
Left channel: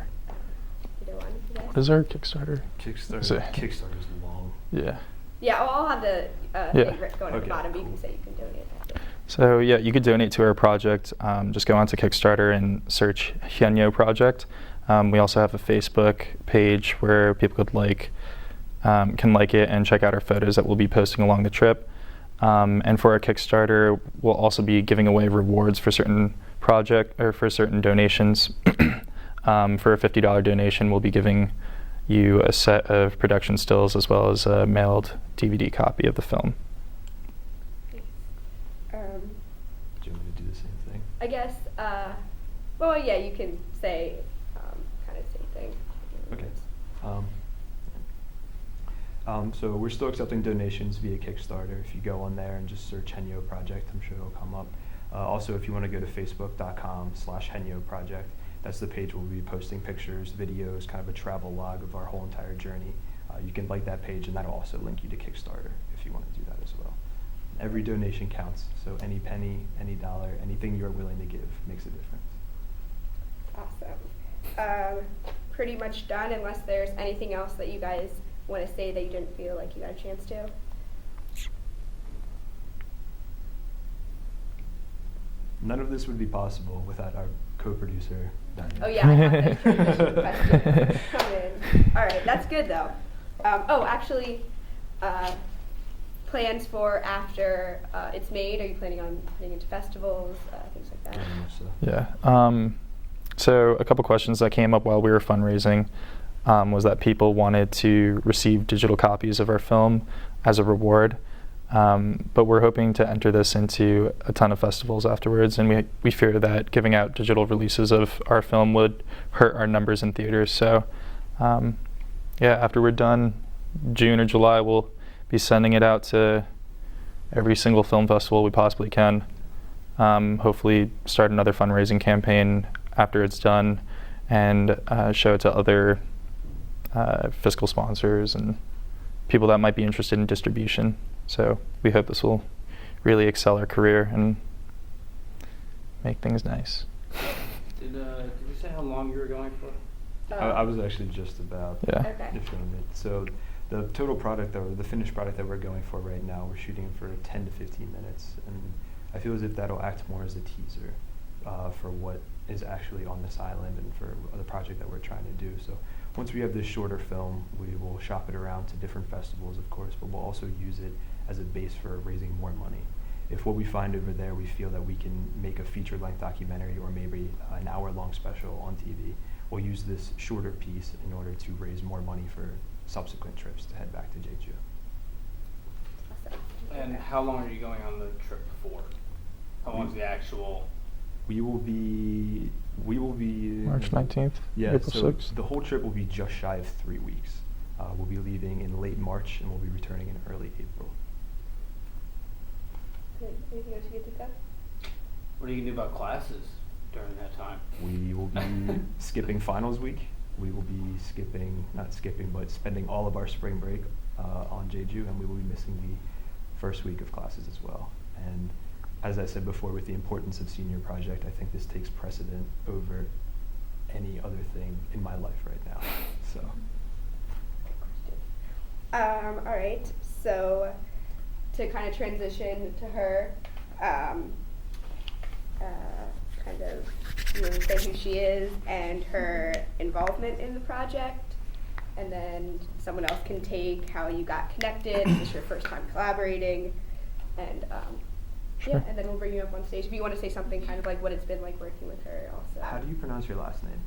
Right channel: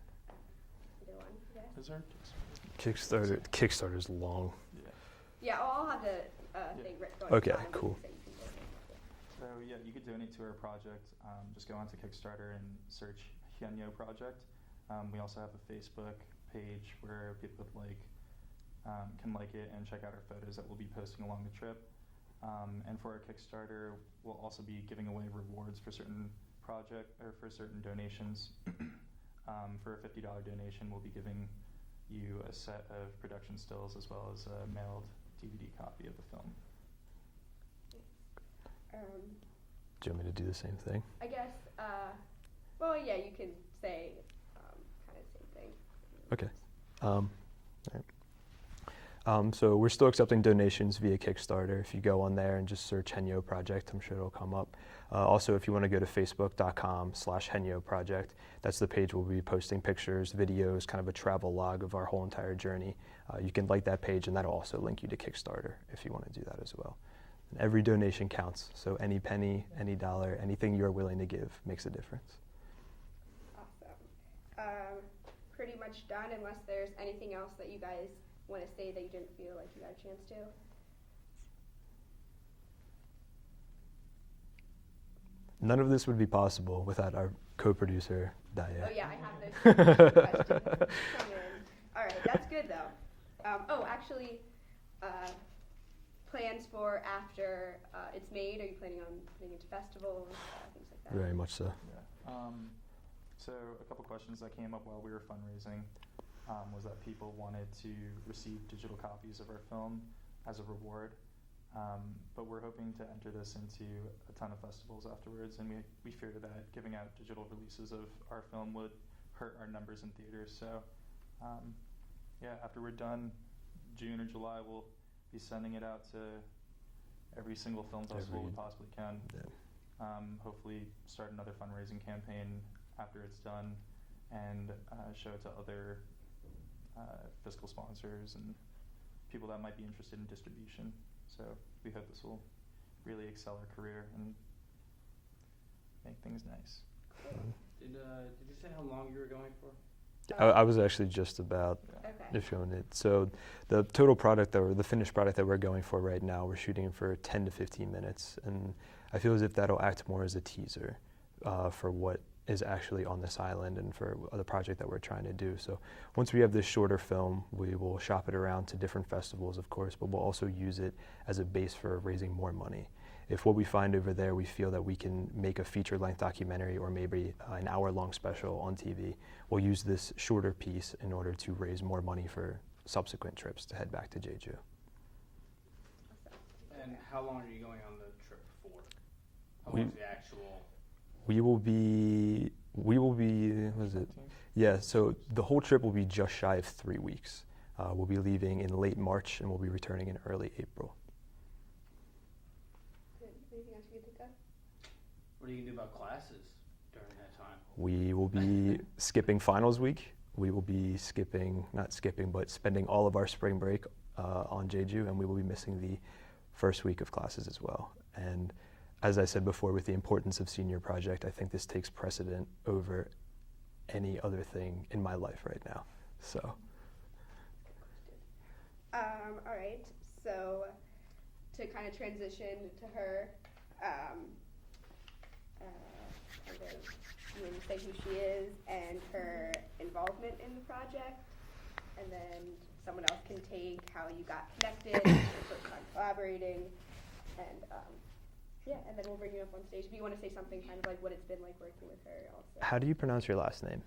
Either one. You guys? What is our Kickstarter? Kickstarter's long. Yeah. Yeah, I'll have the Yeah. thing going at Okay, the bottom, but you cool. can say you can donate. So yeah, you could donate to our project. Just go onto Kickstarter and search Hyeonyo Project. We also have a Facebook page where people can like it and check out our photos that we'll be posting along the trip. And for our Kickstarter, we'll also be giving away rewards for certain for certain donations. For a $50 donation, we'll be giving you a set of production stills as well as a mailed DVD copy of the film. Do you want me to do the same thing? I guess, well, yeah, you can say kind of same thing. Okay. So we're still accepting donations via Kickstarter. If you go on there and just search Hyeonyo Project, I'm sure it'll come up. Also, if you want to go to facebook.com/Hyeonyo Project, that's the page we'll be posting pictures, videos, kind of a travel log of our whole entire journey. You can like that page, and that'll also link you to Kickstarter if you want to do that as well. Every donation counts, so any penny, any dollar, anything you're willing to give makes a difference. Awesome. Pretty much done, unless there's anything else that you guys want to say that you didn't feel like you got a chance to. None of this would be possible without our co-producer, Dania. Oh yeah, I have the tradition question come in. All right, that's good though. Actually, plans for after it's made. Are you planning on putting it to festivals, things like that? Very much so. Yeah. So a couple questions that came up while we were fundraising was that people wanted to receive digital copies of our film as a reward. But we're hoping to enter this into a ton of festivals afterwards, and we fear that giving out digital releases of our film would hurt our numbers in theaters. So after we're done, June or July, we'll be sending it out to every single film festival we possibly can. Hopefully start another fundraising campaign after it's done, and show it to other fiscal sponsors and people that might be interested in distribution. So we hope this will really excel our career and make things nice. Did you say how long you were going for? I was actually just about Yeah. Okay. showing it. So the total product the finished product that we're going for right now, we're shooting for 10 to 15 minutes, and I feel as if that'll act more as a teaser for what is actually on this island and for the project that we're trying to do. So once we have this shorter film, we will shop it around to different festivals, of course, but we'll also use it as a base for raising more money. If what we find over there, we feel that we can make a feature-length documentary or maybe an hour-long special on TV, we'll use this shorter piece in order to raise more money for subsequent trips to head back to Jeju. Awesome. And Okay. how long are you going on the trip for? How long's the actual? We will be March 19th, Yeah, April so 6th. the whole trip will be just shy of 3 weeks. We'll be leaving in late March and we'll be returning in early April. Anything else you can think of? What are you gonna do about classes during that time? time. We will be skipping finals week. We will be spending all of our spring break on Jeju, and we will be missing the first week of classes as well. And as I said before, with the importance of senior project, I think this takes precedent over any other thing in my life right now. So. All right, so to kind of transition to her, kind of you know, say who she is and her involvement in the project, and then someone else can take how you got connected, if it's your first time collaborating, and yeah, and then we'll bring you up on stage. If you want to say something kind of like what it's been like working with her also. How do you pronounce your last name?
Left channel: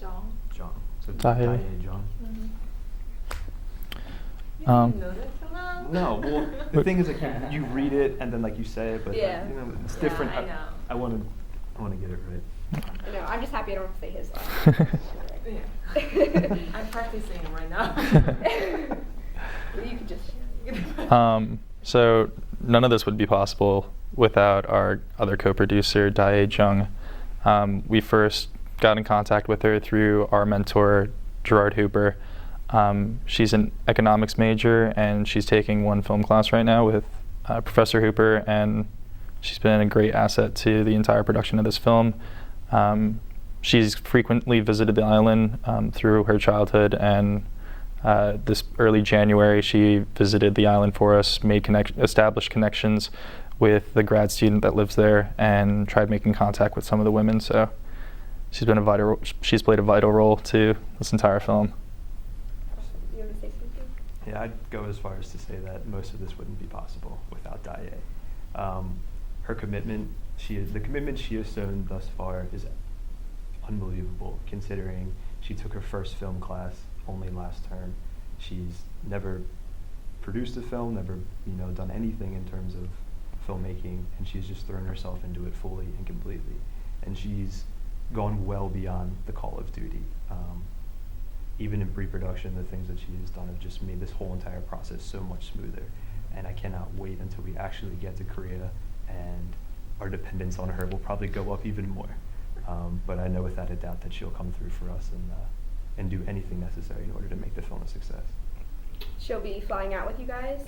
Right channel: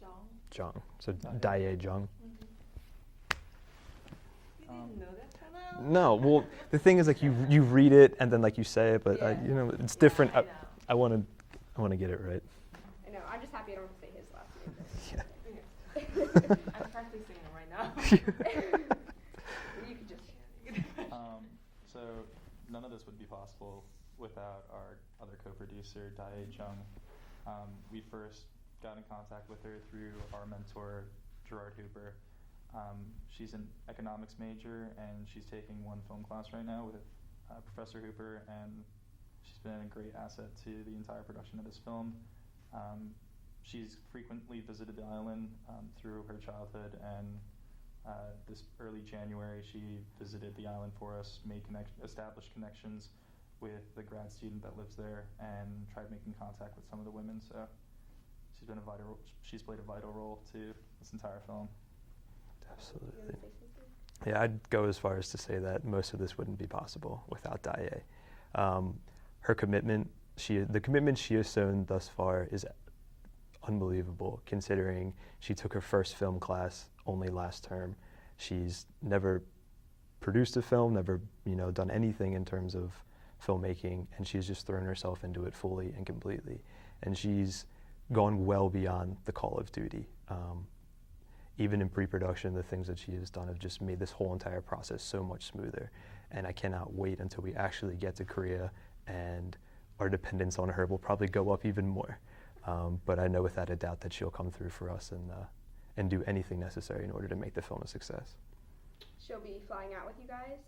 John. Jung. So Dae. Dae Jung. You Um, didn't know that till now? No, well, the thing is, like, you read it and then, like, you say it, but, like, Yeah. you know, it's different. Yeah, I know. I want to get it right. No, I'm just happy I don't have to say his last name. Yeah. I'm practicing it right now. You could just. So none of this would be possible without our other co-producer, Dae Jung. We first got in contact with her through our mentor, Gerard Hooper. She's an economics major, and she's taking one film class right now with Professor Hooper, and she's been a great asset to the entire production of this film. She's frequently visited the island through her childhood, and this early January she visited the island for us, established connections with the grad student that lives there, and tried making contact with some of the women. So she's played a vital role to this entire film. You want to say something? Yeah, I'd go as far as to say that most of this wouldn't be possible without Dae. Her commitment, the commitment she has shown thus far is unbelievable, considering she took her first film class only last term. She's never produced a film, never done anything in terms of filmmaking, and she's just thrown herself into it fully and completely. And she's gone well beyond the call of duty. Even in pre-production, the things that she has done have just made this whole entire process so much smoother. And I cannot wait until we actually get to Korea, and our dependence on her will probably go up even more. But I know without a doubt that she'll come through for us and do anything necessary in order to make the film a success. She'll be flying out with you guys?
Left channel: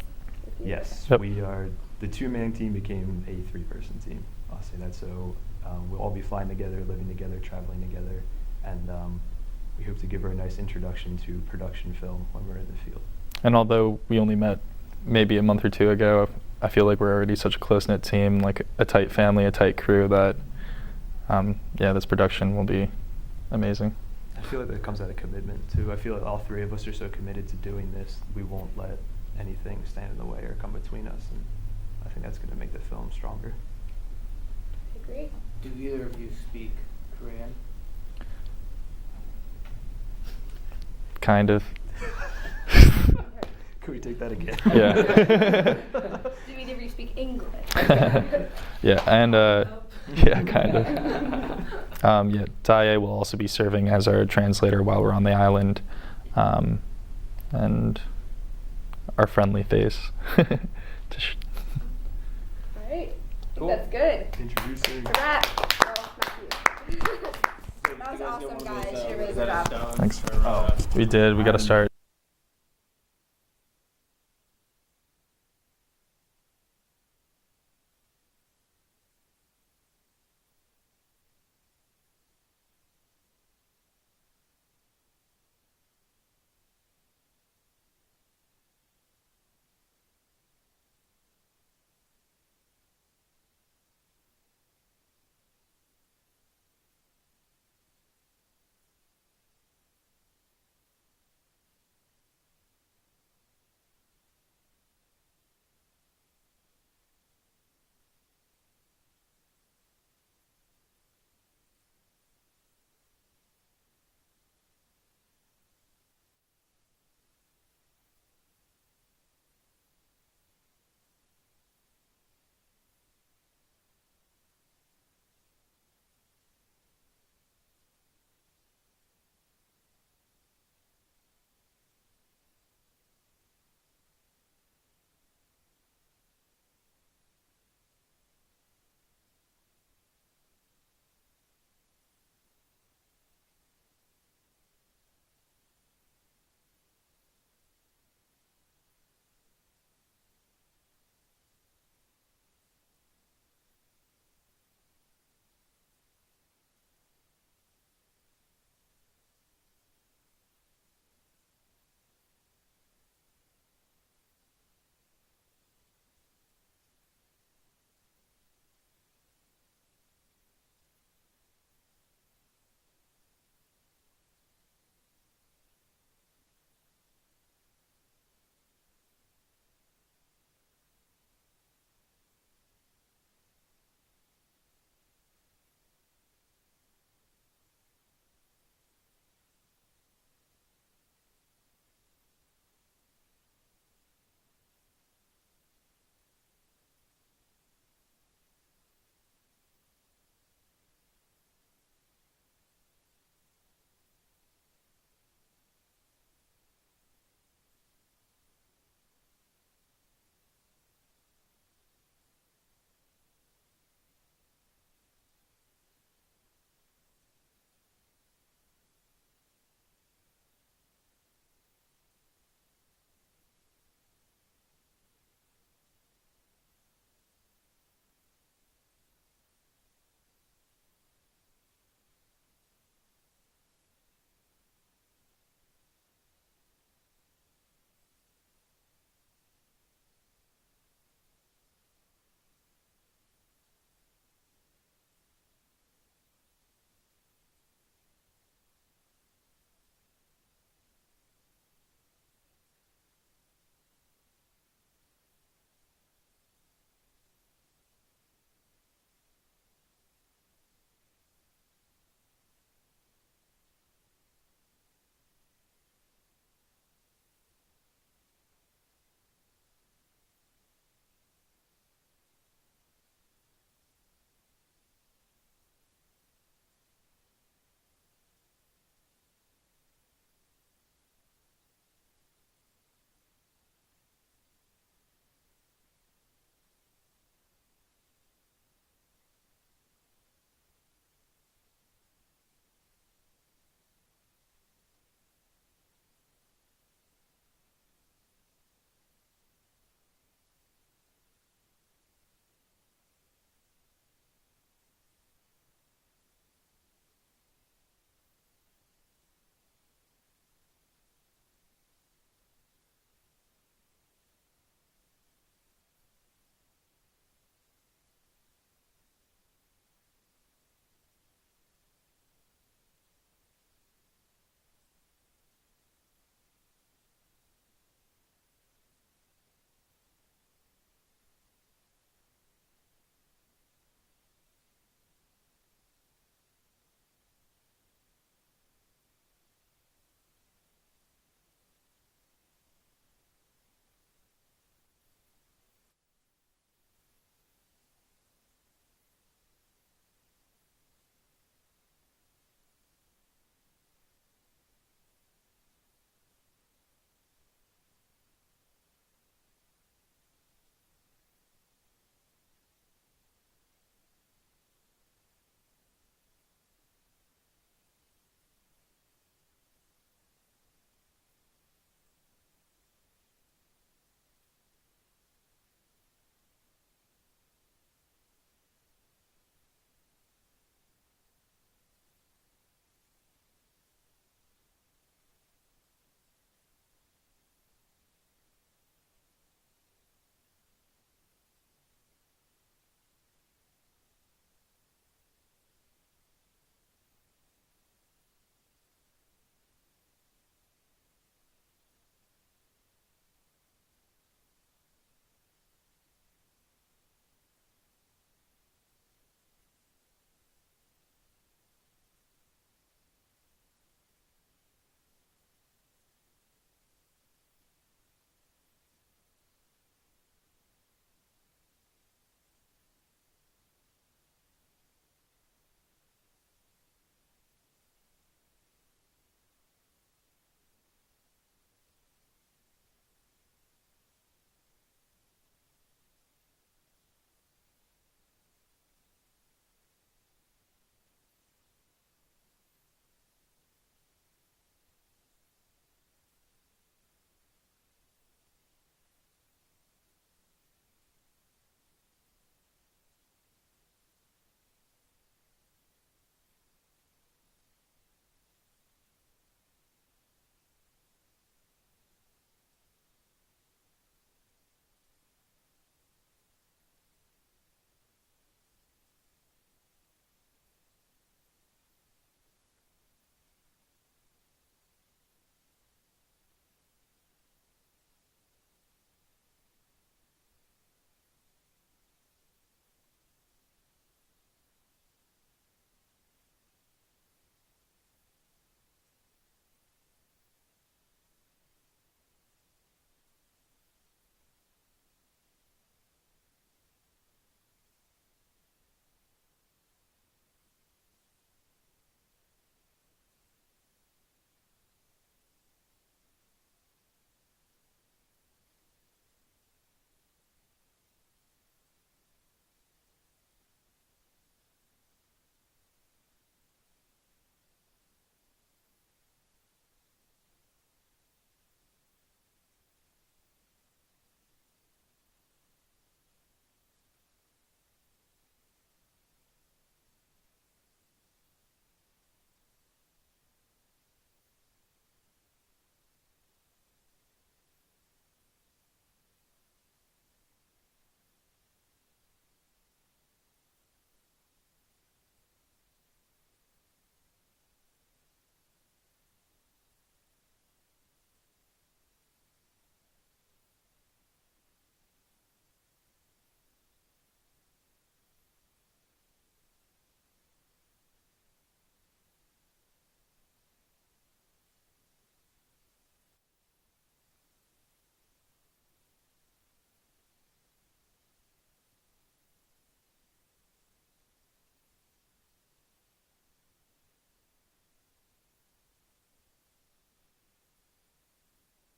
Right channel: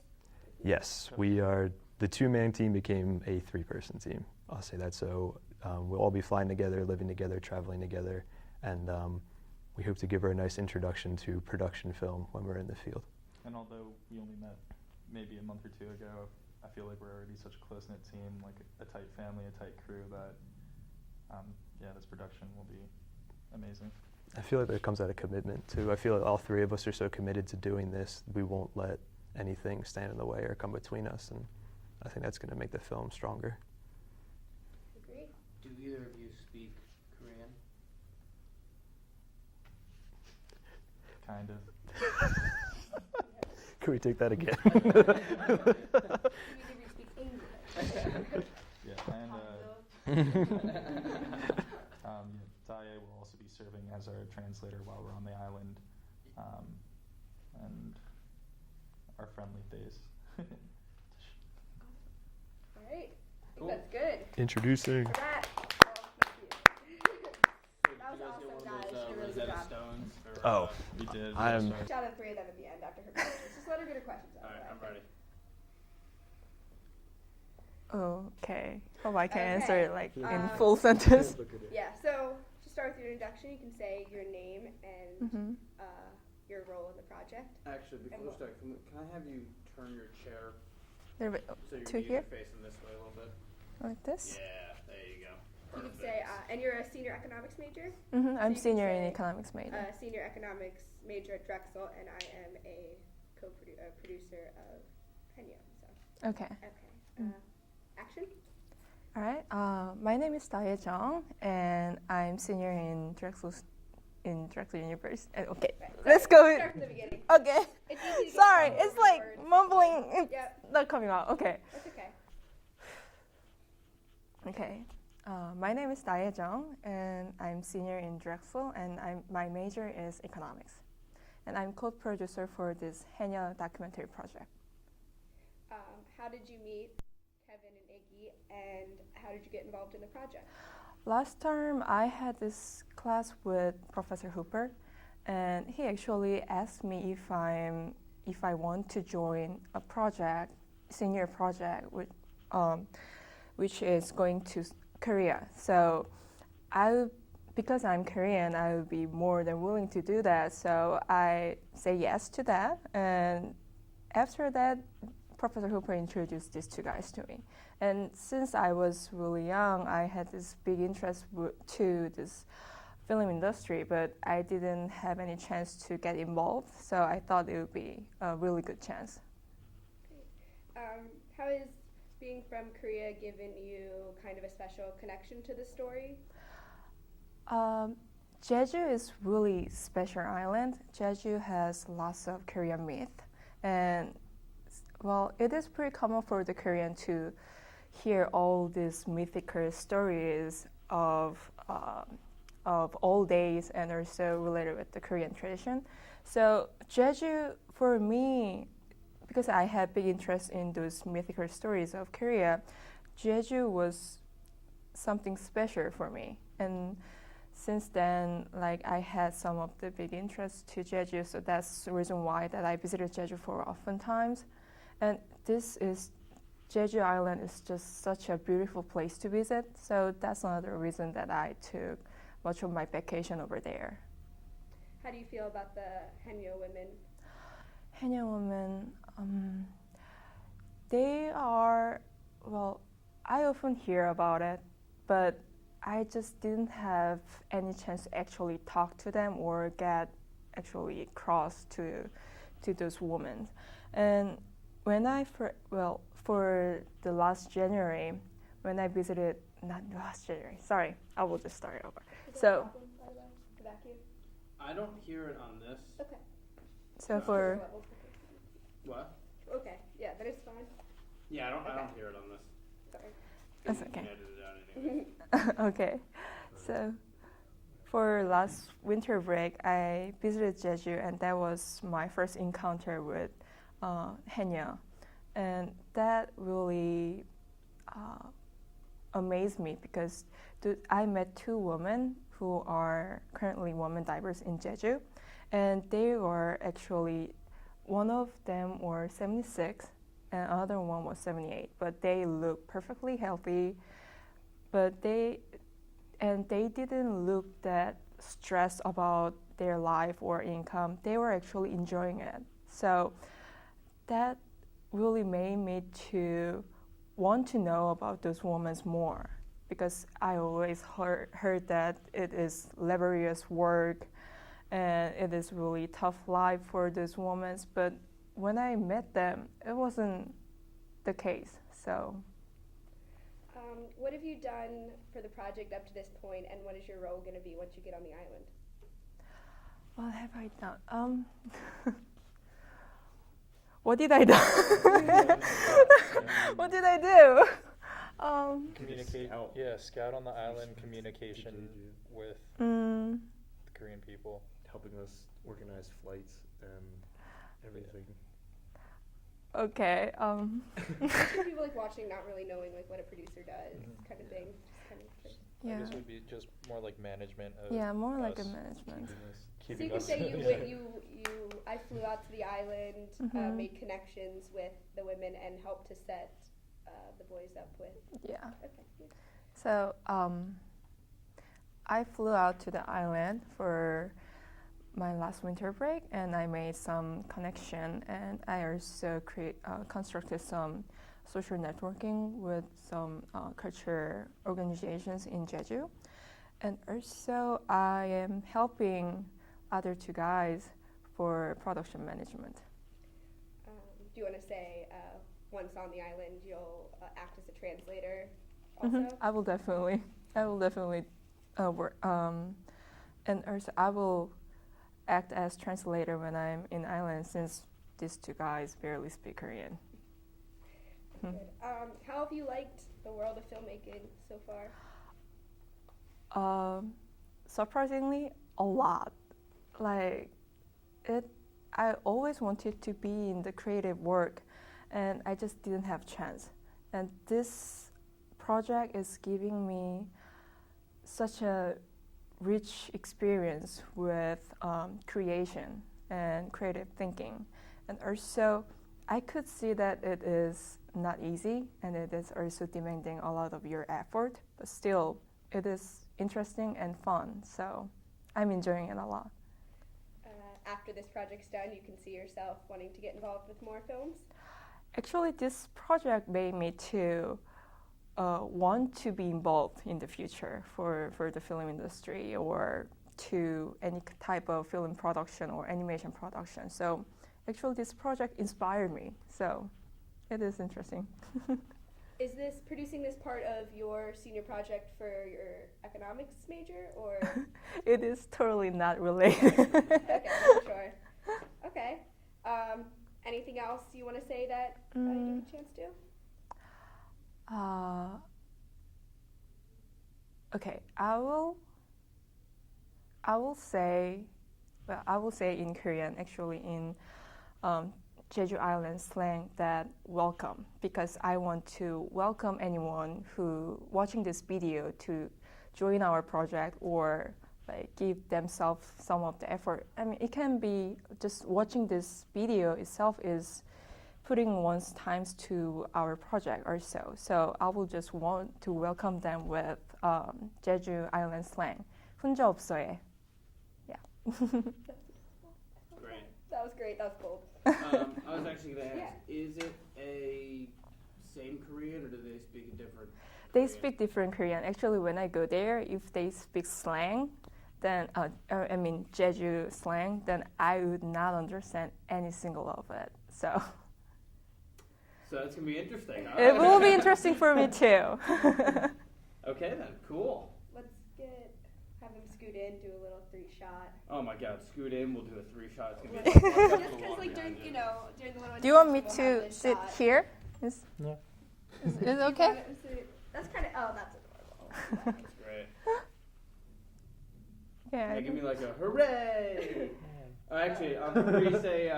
Yes, Yep. we are. The two-man team became a three-person team. I'll say that. So we'll all be flying together, living together, traveling together, and we hope to give her a nice introduction to production film when we're in the field. And although we only met maybe a month or two ago, I feel like we're already such a close-knit team, like a tight family, a tight crew, that this production will be amazing. I feel like that comes out of commitment too. I feel like all three of us are so committed to doing this, we won't let anything stand in the way or come between us, and I think that's going to make the film stronger. Great. Do either of you speak Korean? Kind of. Can we take that again? Yeah. Do either of you speak English? Yeah, and yeah, kind of. Yeah, Dae will also be serving as our translator while we're on the island, and our friendly face. All right. Cool. That's good. Introducing. For that. Oh, not you. That was awesome, guys. You did a really good job. Thanks. Oh. We did. We got to start. Shout out three of them at the end after her questions. Just let her get her questions out. Alright, I'm ready. Okay. Hope I can Okay. answer it like in Um, full sentence. Yeah, so to start with your introduction, you can say your name and Mhm. your role in the project. Actually, before we start, can I have you turn your chair There we- so you're To here? facing this way a little bit? Like this? Yeah, there you go. You could say, and you're a senior economics major? I'm you can senior in say, economics major. Senior economics major at Drexel, and I am a producer of Penyo. So, Okay. okay. Action? All right. My name is Dae Jung, and I'm senior in Drexel University. Okay. Right, Let's start- go. Start from the beginning. Okay. It's easy to get Sorry, all it's over like words. mumbling. It's Yep, not coming out. Okay. that's okay. Okay. My name is Dae Jung, and I'm senior in Drexel, and my major is economics. And I'm co-producer for this Henya documentary project. How did you meet Kevin and Iggy, and how did you get involved in the project? last term I had this class with Professor Hooper, and he actually asked me if I want to join a project, senior project, which is going to Korea. So because I'm Korean, I would be more than willing to do that. So I say yes to that, and after that, Professor Hooper introduced these two guys to me. And since I was really young, I had this big interest to this film industry, but I didn't have any chance to get involved. So I thought it would be a really good chance. How has being from Korea given you kind of a special connection to the story? Jeju is really special island. Jeju has lots of Korean myth, and well, it is pretty common for the Korean to hear all these mythical stories of old days and also related with the Korean tradition. So Jeju, for me, because I had big interest in those mythical stories of Korea, Jeju was something special for me. And since then, like I had some of the big interest to Jeju, so that's the reason why that I visited Jeju for often times. And Jeju Island is just such a beautiful place to visit, so that's another reason that I took much of my vacation over there. How do you feel about the Haenyeo women? Haenyeo women, they are, well, I often hear about it, but I just didn't have any chance to actually talk to them or get actually close to those women. And when for the last January, when I visited, not last January, sorry, I will just start over. So, The vacuum? I don't hear it on this. Okay. so for, What? Okay, yeah, then it's fine. Yeah, I Okay. don't hear it on this. Sorry. that's You can okay. edit it out anyway. Okay, so for last winter break, I visited Jeju, and that was my first encounter with Haenyeo, and that really amazed me because I met two women who are currently women divers in Jeju, and they were actually, one of them was 76 and another one was 78, but they looked perfectly healthy, but they didn't look that stressed about their life or income. They were actually enjoying it. So that really made me to want to know about those women more, because I always heard that it is laborious work and it is really tough life for those women. But when I met them, it wasn't the case. So What have you done for the project up to this point, and what is your role going to be once you get on the island? what have I done? What did I do? What did I do? Communicate. Scout on the island, communication with mm, the Korean people. Helping us organize flights and everything. okay. People like watching, not really knowing like what a producer does, kind of thing. Just kind of I Yeah. guess it would be just more like management of Yeah, more like a us. management. So Keeping you could us. say I flew out to the island, Mhm. made connections with the women, and helped to set the boys up with. Yeah. Okay. So I flew out to the island for my last winter break, and I made some connection, and I also constructed some social networking with some culture organizations in Jeju, and also I am helping other two guys for production management. Do you want to say once on the island you'll act as a translator also? I will definitely work, and also I will act as translator when I'm in island, since these two guys barely speak Korean. Good. How have you liked the world of filmmaking so far? Surprisingly, a lot. Like I always wanted to be in the creative work, and I just didn't have chance. And this project is giving me such a rich experience with creation and creative thinking. And also, I could see that it is not easy and it is also demanding a lot of your effort, but still, it is interesting and fun. So I'm enjoying it a lot. After this project's done, you can see yourself wanting to get involved with more films? Actually, this project made me to want to be involved in the future for the film industry or to any type of film production or animation production. So actually this project inspired me. So it is interesting. Is producing this part of your senior project for your economics major or? It is totally not related. Okay, sure. Okay. Anything else you want to say that I didn't get a chance to? Okay, I will say in Korean, actually in Jeju Island slang, that welcome, because I want to welcome anyone who watching this video to join our project or like give themselves some of the effort. I mean, it can be just watching this video itself is putting one's times to our project or so. So I will just want to welcome them with Jeju Island slang. 혼자 없어해. Yeah. Great. That was great. That was bold. I was actually going to ask, Yeah. is it a same Korean or do they speak a different They Korean? speak different Korean. Actually, when I go there, if they speak slang, then Jeju slang, then I would not understand any single of it. So So it's going to be interesting. All it right. will be interesting for me too. Okay then, cool. Let's have him scoot in, do a little 3-shot. Oh my god, scoot in, we'll do a 3-shot. It's going to Just be because, like, during the little. Do you want me introduction, we'll have to this sit shot. here? Is it okay? That's kind of. Oh, that's adorable. That's great. Yeah. Yeah, give me like a hooray! Actually, on 3, say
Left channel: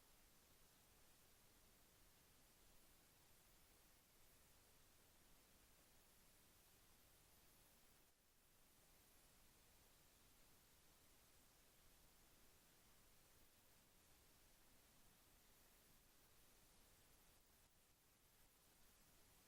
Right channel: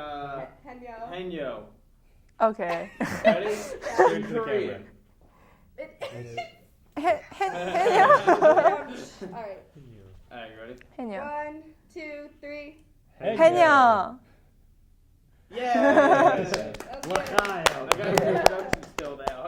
Henyo. Henyo. Okay. Ready? Turn In to the Korean. Henyo. All right. Alright, you ready? Henyo. 1, 2, 3. Henyo. Yeah! That's I got your introduction still now.